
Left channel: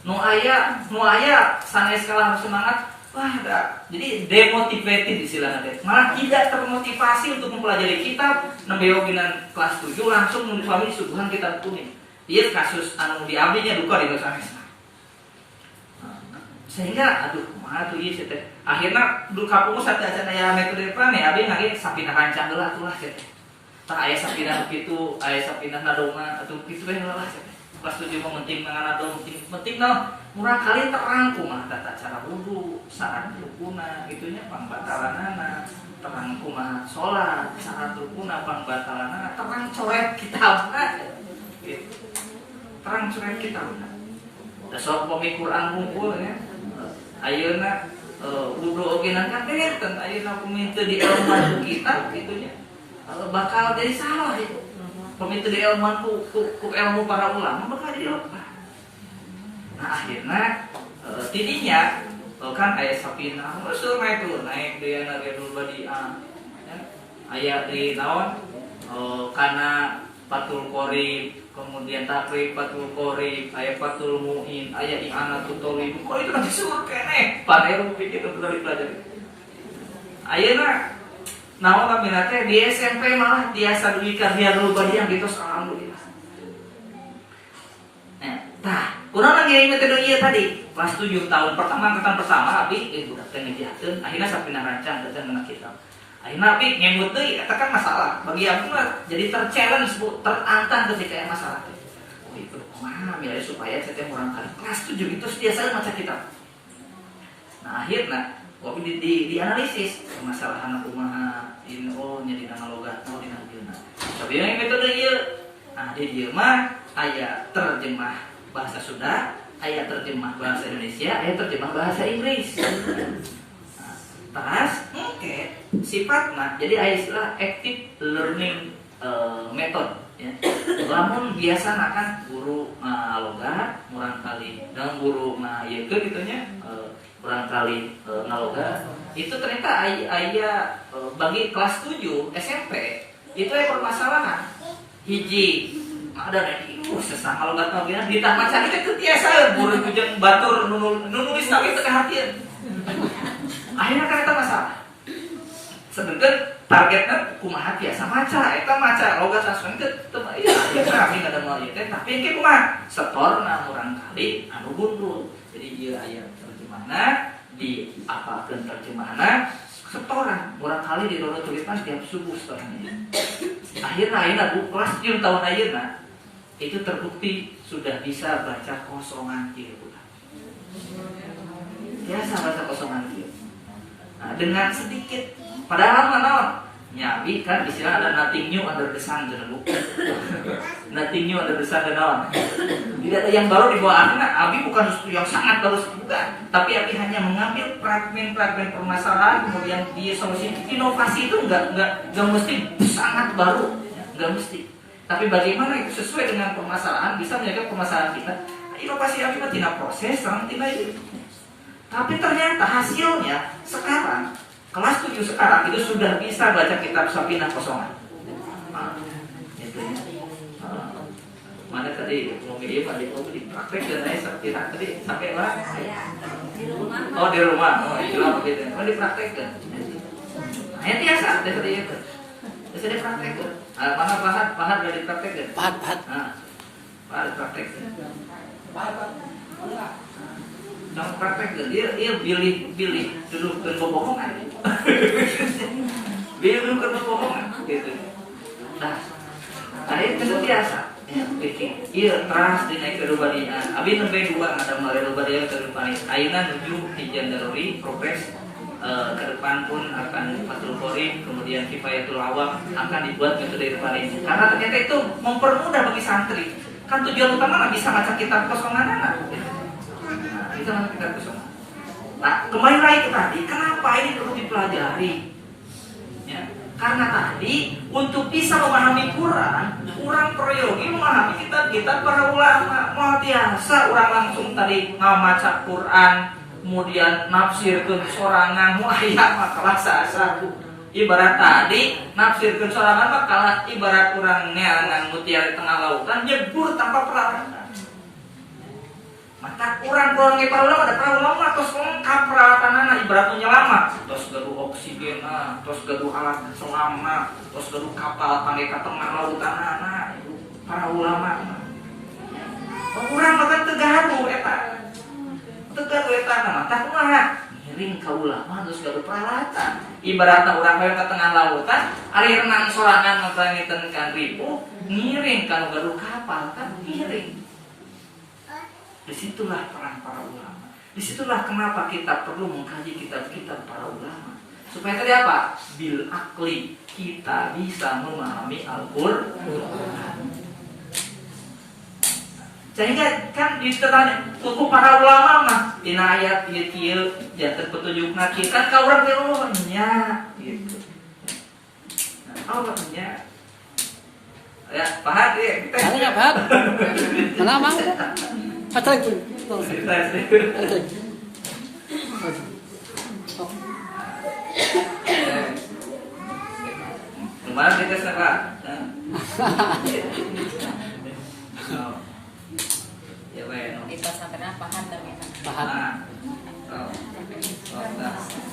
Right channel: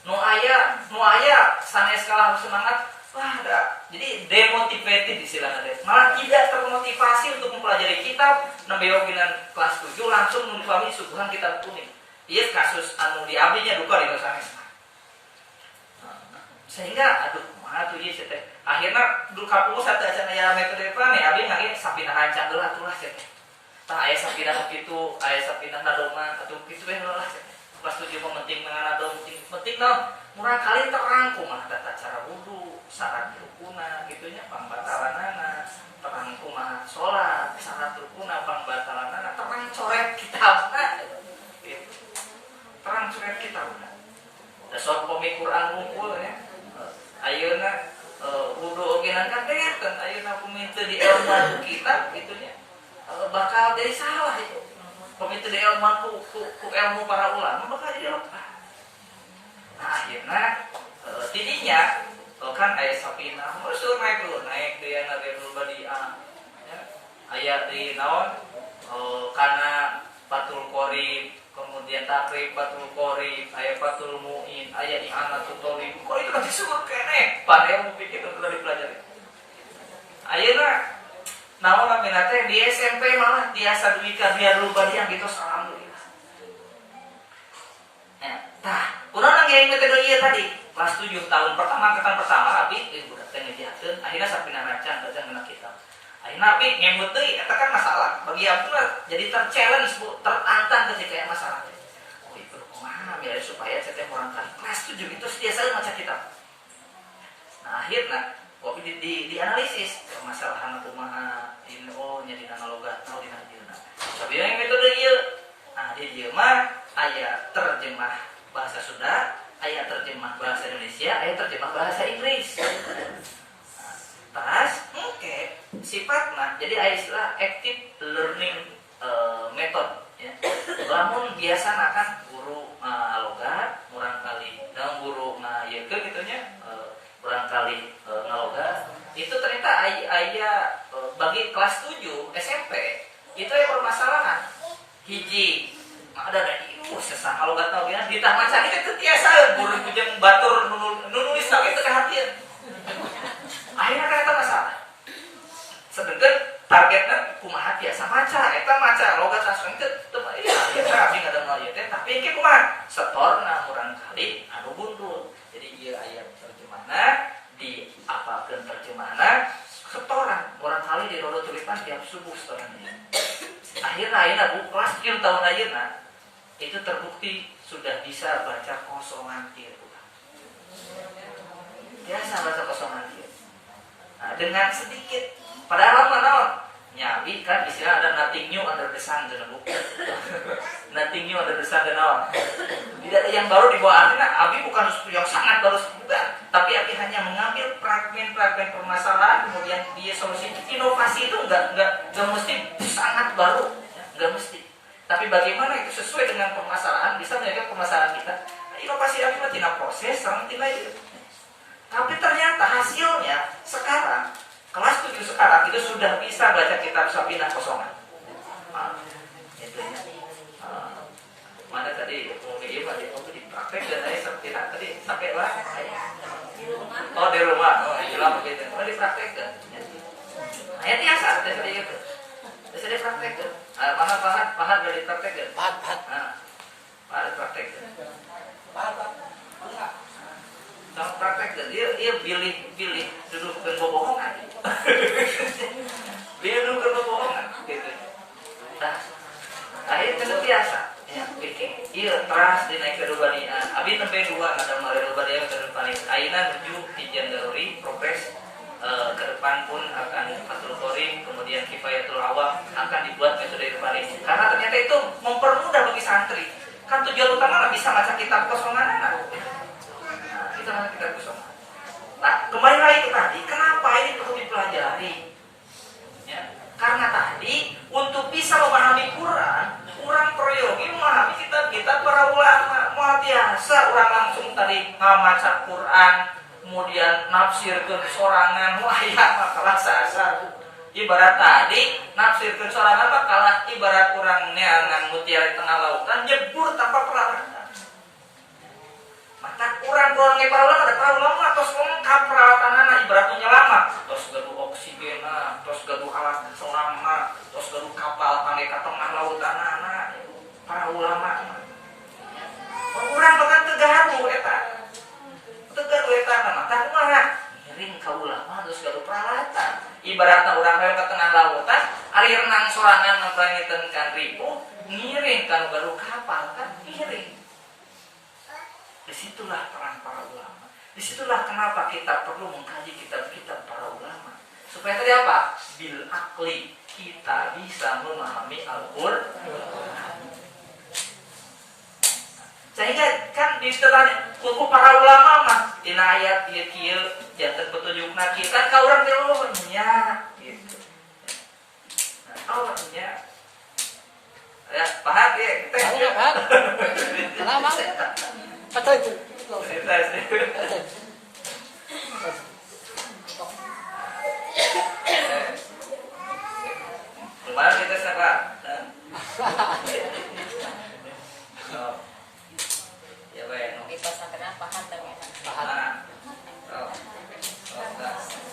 Nu aya sanes kalah semangat wah da. Jadi demotivated istilahna teh. Malah tidak termotivasi untuk mempelajari kitab nembe oginan kelas 7 langsung mengikuti suguhan kitab kuning. Ieu kasus anu di abdinya duka di sanesna. Sehingga aduh kumaha tuh ieu teh. Akhirna dulu kapungu satu acan aya metode Irfani abdi ngage sapinah rancang heula atuh lah teh. Tah aya sapinah kitu, aya sapinah nadoman atuh kitu we heula lah teh. Kelas 7 mah penting nganado penting naon? Murah kali terang kumaha tata cara wudu, syarat rukuna gitunya pangbatalanana, terang kumaha salat, syarat rukuna pangbatalanana, terang coret kitabna. Gitu. Terang coret kitabna. Da sok pami Quran hungkul ya. Ayeuna wudu oge nangkat beten ayeuna kumintu di ilmuan kitab gitunya. Bakal jadi salah itu. Kumintu di ilmuan ku ilmu para ulama bakal jadi lupa. Nah akhirnya tidinya kan aya sapina musuh naik dia Ridul Badiah ya. Aya di naon kana Fathul Qorib, kemudian Takrib Fathul Qorib, aya Fathul Muin, aya I'anatul Thalib. Kok itu kan disebut keneh padahal pikir itu perlu dipelajari. Ayeuna naon namina teh di SMP malah biasa duikan Ridul Badiah gitu alhamdulillah. Tah, urang ngiring metode ieu tadi. Kelas 7 tahun pertama abi budak teh ngejakeun, akhirna sapina rancang kerja anak kita. Akhirna abi ngemut deui eta kan masalah. Bagi aku mah jadi terchallenge Bu, terantang ketika aya masalah teh. Oh, itu kumaha biar supaya teh urang kali kelas 7 itu biasa maca kitab. Nah, akhirna wabi di analisis permasalahan kumaha ini nya dina logat dina dieuna. Sabina metode ieu. Nah, di dieu mah aya terjemah bahasa Sunda, aya terjemah bahasa Indonesia, aya terjemah bahasa Inggris. Terus, sifatnya jadi aya istilah active learning method. Ya. Lamun biasa kan guru logat, murang kali, dan guru ieu gitunya, murang kali ngalogat. Itu ternyata aya bagi kelas 7 SMP itu aya permasalahan. Hiji ada dari sesama lo gak tau gimana di taman cari itu tiasa guru kujang batur nulis tapi itu kehatian akhirnya kan itu masalah sedangkan targetnya kumaha biasa maca logat langsung itu iya kami nggak ada mau ya tapi yang kumaha setorna murang kali anu gundul jadi dia ayat terjemahna di apakeun terjemahna setoran murang kali di dodo tulisan tiap subuh setorannya akhirnya Bu kelas 7 tahun ayeuna itu terbukti sudah bisa baca kosongan kieu biasa baca kosongan kieu. Nah, dengan sedikit padahal mana nyabi kan istilah ada nothing new under the sun cenah Bu. Nothing new under the sun naon. Tidak ada yang baru di bawah Abi bukan sesuatu yang sangat baru bukan, tapi Abi hanya mengambil fragmen-fragmen permasalahan kemudian dia solusi. Inovasi itu enggak mesti sangat baru, enggak mesti. Tapi bagaimana itu sesuai dengan permasalahan bisa menjaga permasalahan kita. Nah, inovasi Abi mah tina proses sareng tina ieu. Tapi ternyata hasilnya sekarang kelas 7 sekarang itu sudah bisa baca kitab Sapinah Kosongan. Itu ya. Mana tadi umumnya dipraktekkan aja Sapinah tadi pakai lah. Oh di rumah. Oh itu lah begitu. Oh dipraktekkan. Nah itu biasa tadi itu. Bisa dipraktekkan. Mana Pahat udah dipraktekkan? Pahat. Pahat dipraktekkan. Nah, praktekkan dia pilih dudukkan bohongan. Dia dudukkan bohongan gitu. Nah, akhirnya itu biasa. Ya, bikin. Iya, teras dinaik ke Rubadian. Abi nembe 2 ada mulai Rubadian ke depan. Ayeuna menuju Hijan Daruri progres ke depan pun akan Fathul Qorib, kemudian Kifayatul Awam akan dibuat metode depan ini. Karena ternyata itu mempermudah bagi santri. Kan tujuan utama bisa baca kitab kosongan anak. Gitu. Nah, itu malah kitab kosongan. Nah, kembali lagi ke tadi, kenapa ini perlu dipelajari? Ya, karena tadi untuk bisa memahami Quran, kurang proyogi memahami kitab-kitab para ulama. Mau biasa orang langsung tadi ngamaca Quran, kemudian nafsirkeun sorangan, wah ya mah kalah sasa. Ibarat tadi nafsirkeun sorangan mah kalah ibarat urang neangan mutiara di tengah lautan nyebur tanpa peralatan. Mata kurang para ulama ada para ulama tos lengkap peralatanana ibarat nyelamat, tos gaduh oksigen, tos gaduh alat selam, tos gaduh kapal kangge ka tengah lautanana para ulama. Urang bahkan tegaru eta. Tegaru eta mata kumaha? Ngiring ka ulama terus gaduh peralatan. Ibaratna urang hoyong ka tengah lautan, ari renang sorangan ngapangiteun kan ribu, ngiring kan gaduh kapal kan ngiring. Disitulah peran para ulama. Disitulah kenapa kita perlu mengkaji kitab-kitab para ulama. Supaya tadi apa? Bil akli kita bisa memahami Al-Quran. Sehingga kan ditanya buku para ulama mah dina ayat ieu janten petunjukna kita ka urang teh nya gitu. Oh nya. Ya, Pahat ya kita. Ya, Pahat. Lama. Kemarin kita sempat. Ya baik. Kita sampai paham dong.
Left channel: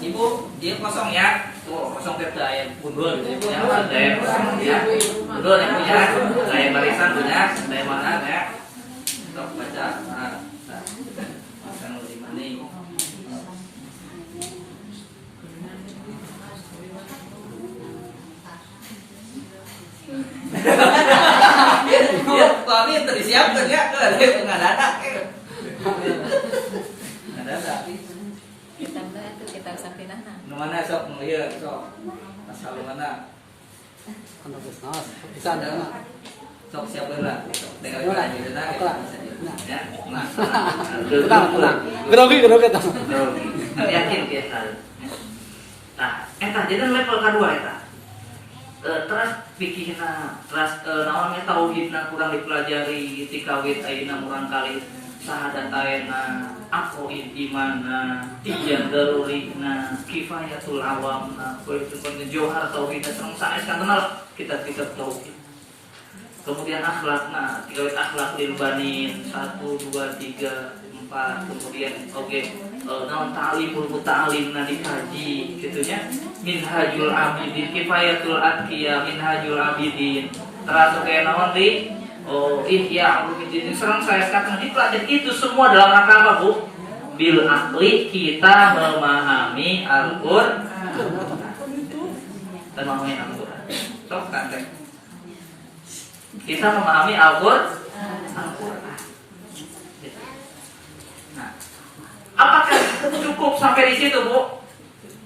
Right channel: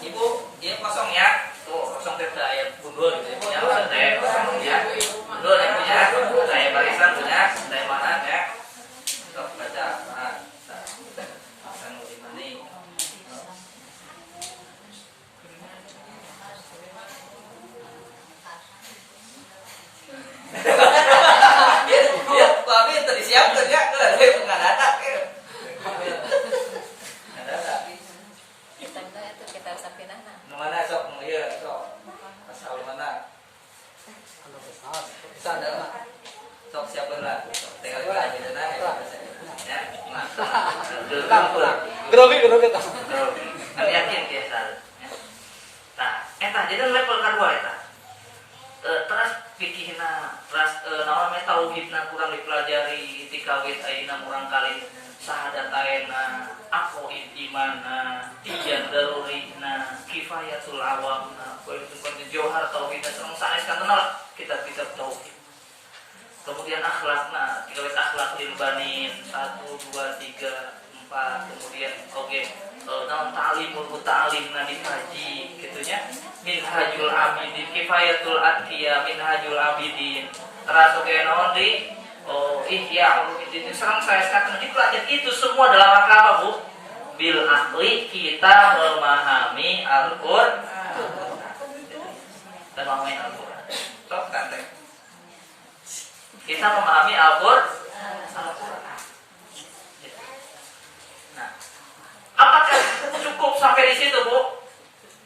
Ibu, dia kosong ya. Tuh, kosong tepda ayam bundul gitu. Ya, saya kosong ya. Bundul yang punya, saya barisan punya, saya mana ya. Untuk baca. Pasang di mana nih? Ya, kami itu disiapkan ya, nggak ada. Kita itu kita saktinana. Nu mana sok ieu sok asal mana? Sok siapeun lah. Sok tinggal kita ayeuna ya. Nah. Grogi tah. Yakin kita. Tah, eta jadi level kedua eta. Terus pikirna, terus naon mah tauhidna kurang dipelajari ti kawit ayeuna murang kali sahadataena aqoid imana tijan darurina kifayatul awamna kuitu kun johar tauhidna sareng sanes kantenna kitab-kitab tauhid. Kemudian akhlakna, tiga akhlak lil banin 1 2 3 4, kemudian naon ta'limul muta'allimna dikaji kitunya minhajul abidin kifayatul atqiya minhajul abidin terus naon di ihya ulumuddin serang saya katakan dipelajari itu semua dalam rangka apa Bu? Bil akli kita memahami Al-Qur'an. Memahami Al-Qur'an. Sok tante. Kita memahami Al-Qur'an. Nah, apakah cukup sampai di situ, Bu?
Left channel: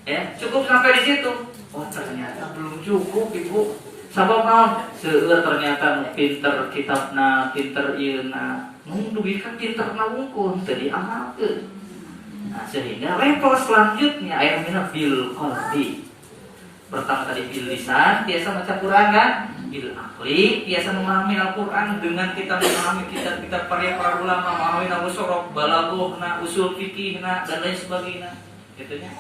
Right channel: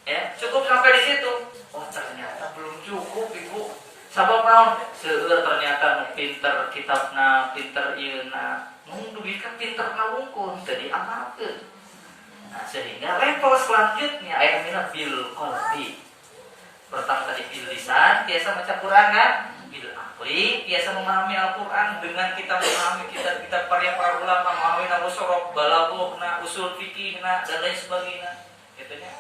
Ya, cukup sampai di situ. Oh, ternyata belum cukup, Ibu. Sabab naon? Seueur ternyata nu pinter kitabna, pinter ieuna. Nu duit kan pinter nawungkul, teu diamalkeun. Nah, sehingga level selanjutnya aya namina bil qalbi. Pertama tadi bil lisan, biasa baca Quran kan? Bil akli, biasa memahami Al-Qur'an dengan kita memahami kitab-kitab para ulama, memahami nahu sorok, balaghahna, usul fikihna dan lain sebagainya. Gitunya.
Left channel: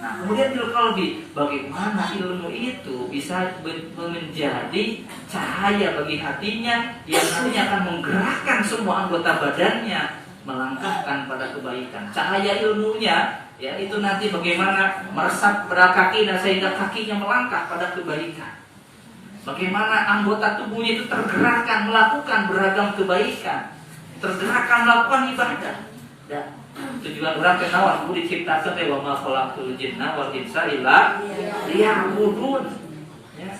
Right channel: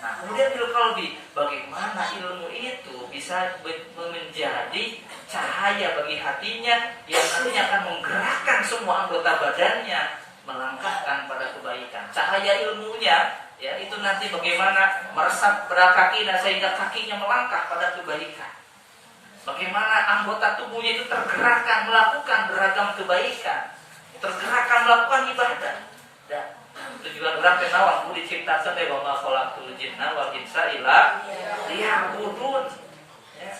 Nah, kemudian bil qalbi, bagaimana ilmu itu bisa menjadi cahaya bagi hatinya yang nantinya akan menggerakkan semua anggota badannya melangkahkan pada kebaikan. Cahaya ilmunya ya itu nanti bagaimana meresap pada kakinya sehingga kakinya melangkah pada kebaikan. Bagaimana anggota tubuhnya itu tergerakkan melakukan beragam kebaikan, tergerakkan melakukan ibadah. Dan tujuan orang kenawan ku diciptakeun teh wa ma khalaqtul jinna wal insa illa liya'budun. Ya.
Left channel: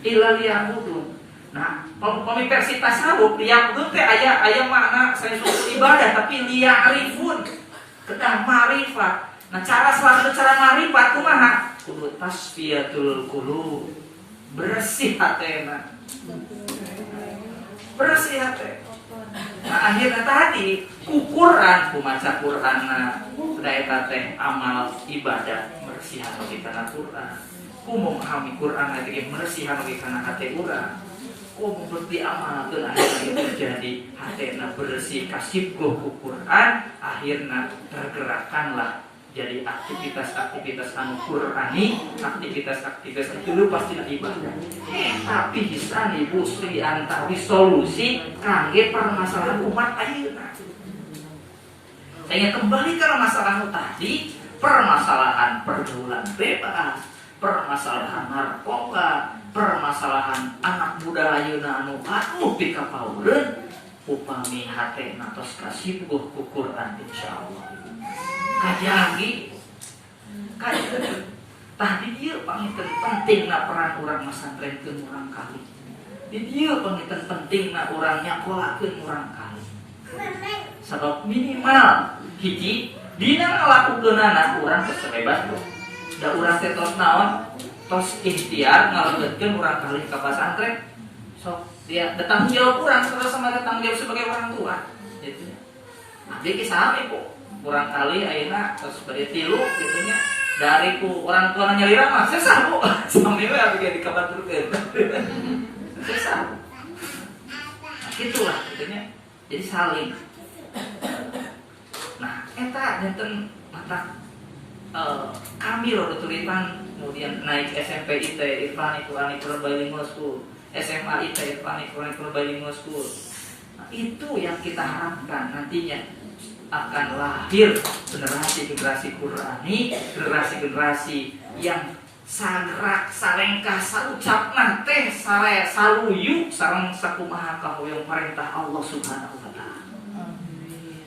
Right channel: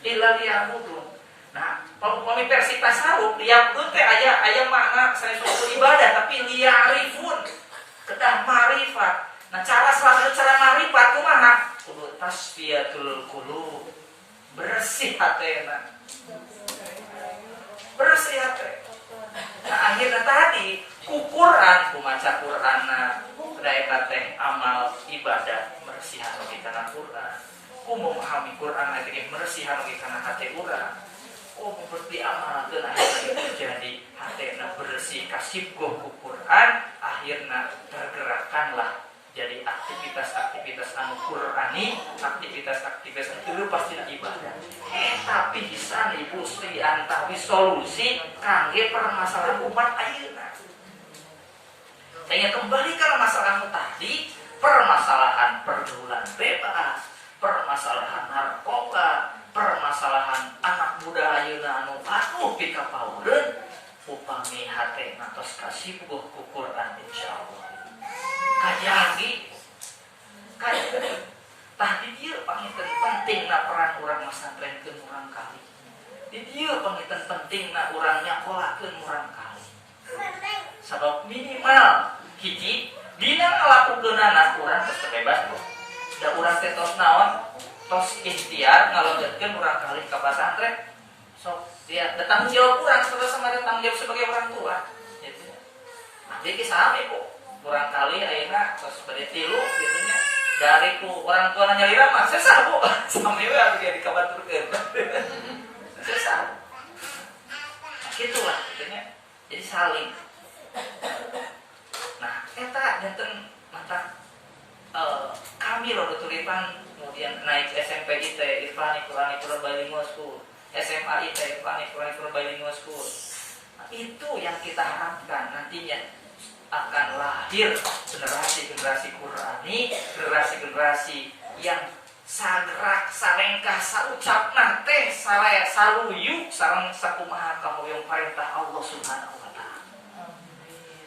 Illa liya'budun. Nah, kalau versi tasawuf liya'budun teh aya makna saya suku ibadah tapi liya'rifun. Kedah marifat. Nah, cara marifat kumaha? Kudu tasfiyatul qulub. Bersih hatena. Bersih hati. Nah, akhirnya tadi Quran, kumaca Qur'anna, daya teh amal ibadah mersihan oge kana Qur'an. Ku memahami Qur'an age mersihan oge kana hate urang. Ku mesti amalkeun akhirna itu jadi hatena bersih kasibgoh ku Qur'an, akhirna tergerakkanlah jadi aktivitas-aktivitas anu Qur'ani, aktivitas-aktivitas itu pasti ibadah. Tapi bisa nih Bu Sri antawi solusi kangge permasalahan umat ayeuna. Saya kembali ke masalah tadi, permasalahan pergaulan bebas, permasalahan narkoba, permasalahan anak muda ayeuna anu pikapaureun, upami hatena tos kasibgoh ku Qur'an insyaallah. Kajagi tadi dia pangitan pentingna peran orang masantrenkeun urang kali. Di dia pangitan pentingna urang nyakolakeun urang kali. Sabab minimal hiji dina ngalakukeunana urang geus bebas tuh. Da urang teh tos naon? Tos ikhtiar ngalakeun urang kali ka pasantren. Sok dia datang jawab urang sama datang jawab sebagai orang tua. Gitu. Nah, dia kisah apa kok? Kurang kali ayeuna tos bade tilu gitunya dari ku orang tua nyalira mah sesah Bu sampai we atuh dikabaturkeun sesah. Nah gitulah gitunya jadi saling. Nah eta janten mata kami loh tulisan, kemudian naik SMP IT Islamic Quranic Bilingual School, SMA IT Islamic Quranic Bilingual School. Nah, itu yang kita harapkan nantinya akan lahir generasi-generasi Qurani, generasi-generasi yang sagrak, salengkah, saucapna teh, saluyu sareng sakumaha kahoyong perintah Allah Subhanahu wa taala.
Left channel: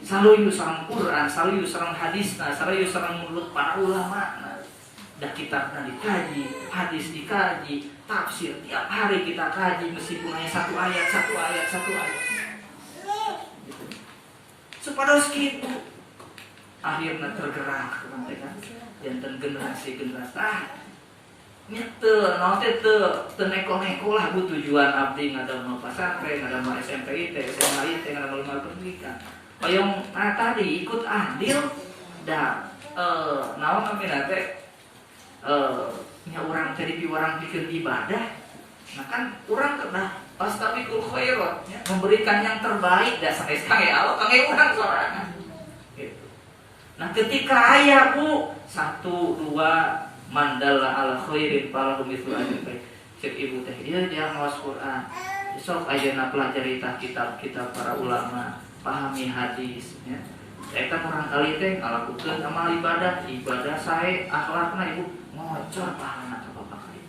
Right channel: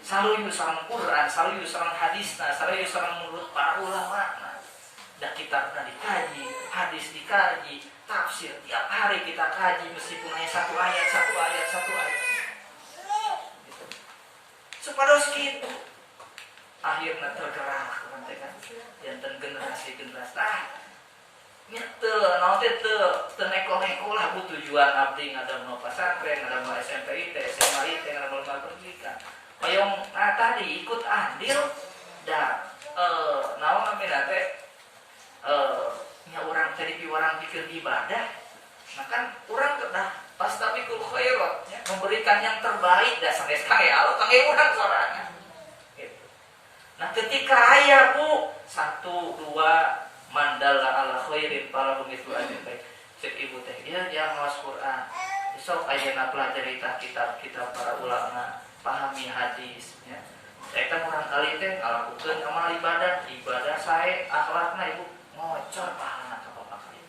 Saluyu sareng Quran, saluyu sareng hadisna, saluyu sareng menurut para ulama. Da kitabna dikaji, hadis dikaji, tafsir tiap hari kita kaji meskipun hanya satu ayat. Gitu. Supados gitu. Akhirnya tergerak kan janten generasi nya teu neko-neko lah bu tujuan abdi ngadamel pasantren, ngadamel SMP IT, SMA IT, ngadamel pendidikan. Hoyong tadi ikut andil da naon namina teh nya urang tadi orang bikin ibadah. Nah kan urang kedah pastabiqul khairat ya, memberikan yang terbaik da sanes kangge Allah kangge urang sorangan. Gitu. Nah ketika aya bu 1 2 mandala ala khairin falahu mithlu ajri baik. Cek ibu teh ieu jangan ngawas Quran. Sok ayeuna pelajari tah kitab-kitab para ulama, pahami hadis ya. Eta urang kali teh ngalakukeun amal ibadah sae akhlakna ibu ngocor pahalana ka bapak kali.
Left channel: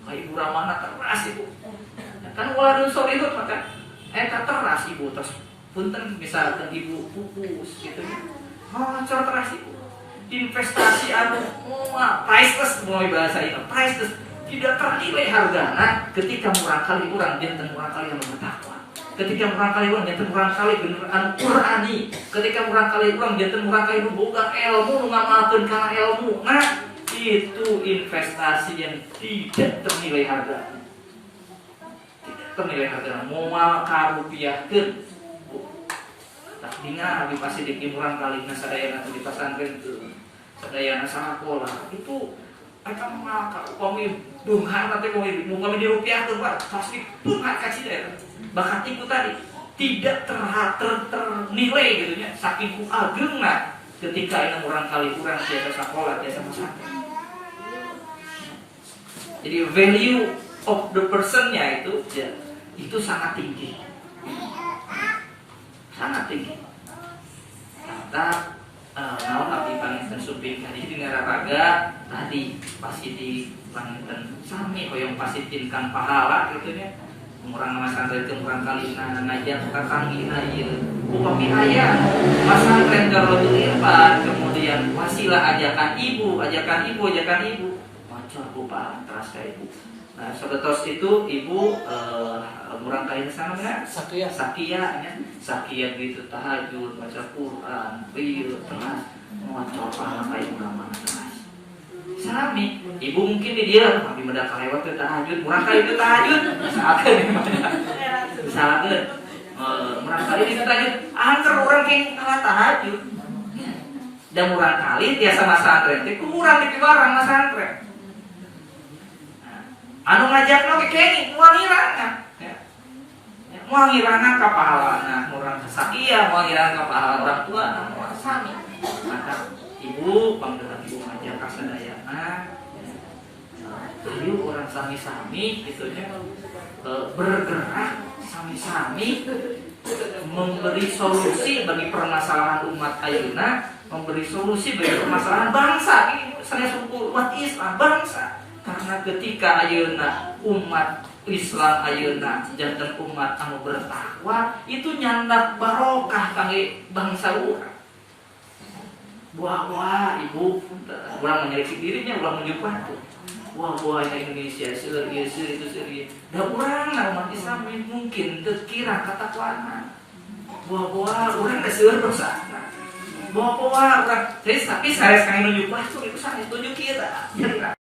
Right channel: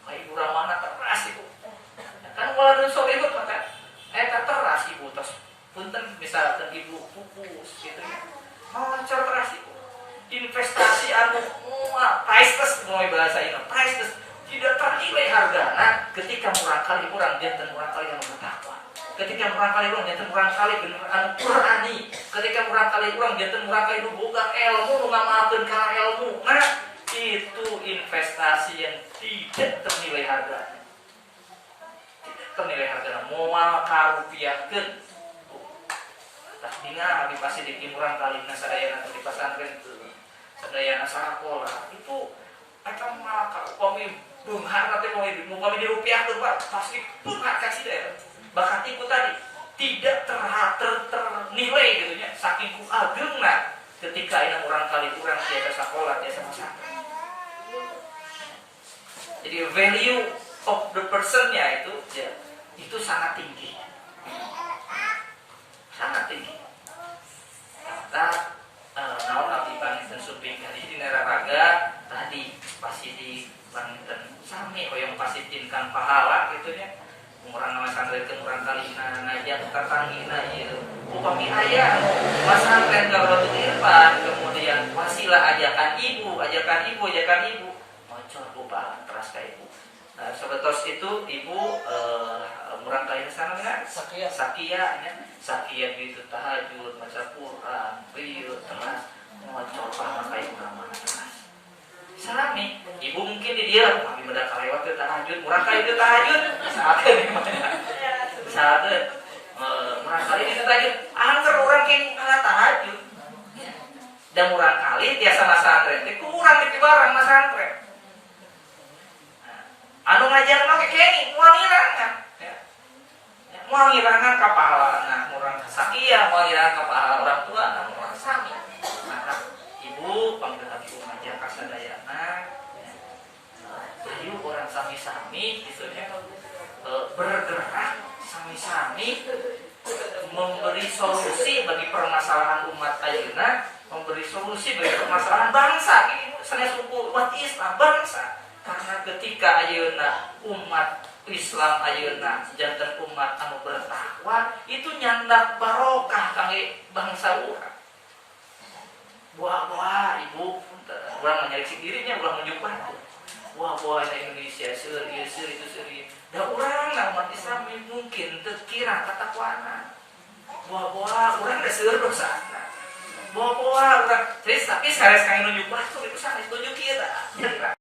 Ka ibu ramahna teras ibu. Ya, kan waladun solihun maka eta teras ibu tos punten misalkan ibu pupus gitu ya. Ngocor teras ibu. Investasi anu priceless mulai bahasa ini priceless tidak ternilai hargana ketika murang kali urang janten murang kali anu bertakwa, ketika murang kali urang janten murang kali bener anu Qurani, ketika murang kali urang janten murang kali nu boga ilmu nu ngamalkeun kana ilmu. Nah itu investasi yang tidak ternilai hargana, tidak ternilai hargana moal karupiahkeun. Tah dina abi pasti di murang kali sadayana di pasantren teu sadayana sakola itu eta malaka upami beunghar teh upami dirupiahkeun Pak pasti beunghar ka cida eta bakat iku tadi tidak ternilai gitu nya saking ku ageungna ketika ina urang kali urang tiasa sakola tiasa pasantren. Jadi value of the person-nya itu ya, itu sangat tinggi. Sangat tinggi. Kata naon abdi panginten suping tadi di Nararaga tadi pasti di panginten sami hoyong pasitinkan pahala gitu nya. Urang ngasantren ke urang kalina ngajak tatanggina ieu. Upami aya masantren Darul Irfan kemudian wasilah ajakan ibu. Macor upah teras ka ibu. Nah, sebetos itu ibu murang kain sana mina sakia gitu tahajud baca Quran rieu telas ngocor pahala kain urang mana telas sami ibu mungkin di dia abi meda kalewat teh tahajud murang kain teh tahajud saatkeun misalkeun murang kali di tahajud angker urang kenging kalah tahajud da murang kali tiasa masantren teh kurang di barang masantren anu ngajakna ge kengi moal ngirangan ya. Moal ngirangan ka pahalana murang sakia moal ngirangan ka pahala orang tua moal sami. Maka ibu panggilan ibu ngajak ka sadayana ya. Ayo orang sami-sami gitu nya bergerak sami-sami memberi solusi bagi permasalahan umat ayeuna, memberi solusi bagi permasalahan bangsa ini sanes suku umat Islam bangsa. Karena ketika ayeuna umat Islam ayeuna janten umat anu bertakwa itu nyandak barokah kangge bangsa urang. Buah-buah ibu urang menyeleksi dirinya urang menjumpa tuh. Buah-buah Indonesia seueur ieu seueur itu seueur. Da urang umat Islam mungkin teu kira katakwana. Buah-buah urang da seueur dosana. Buah-buah urang jadi tapi sanes kangge nunjuk tuh itu sanes tunjuk ieu tah.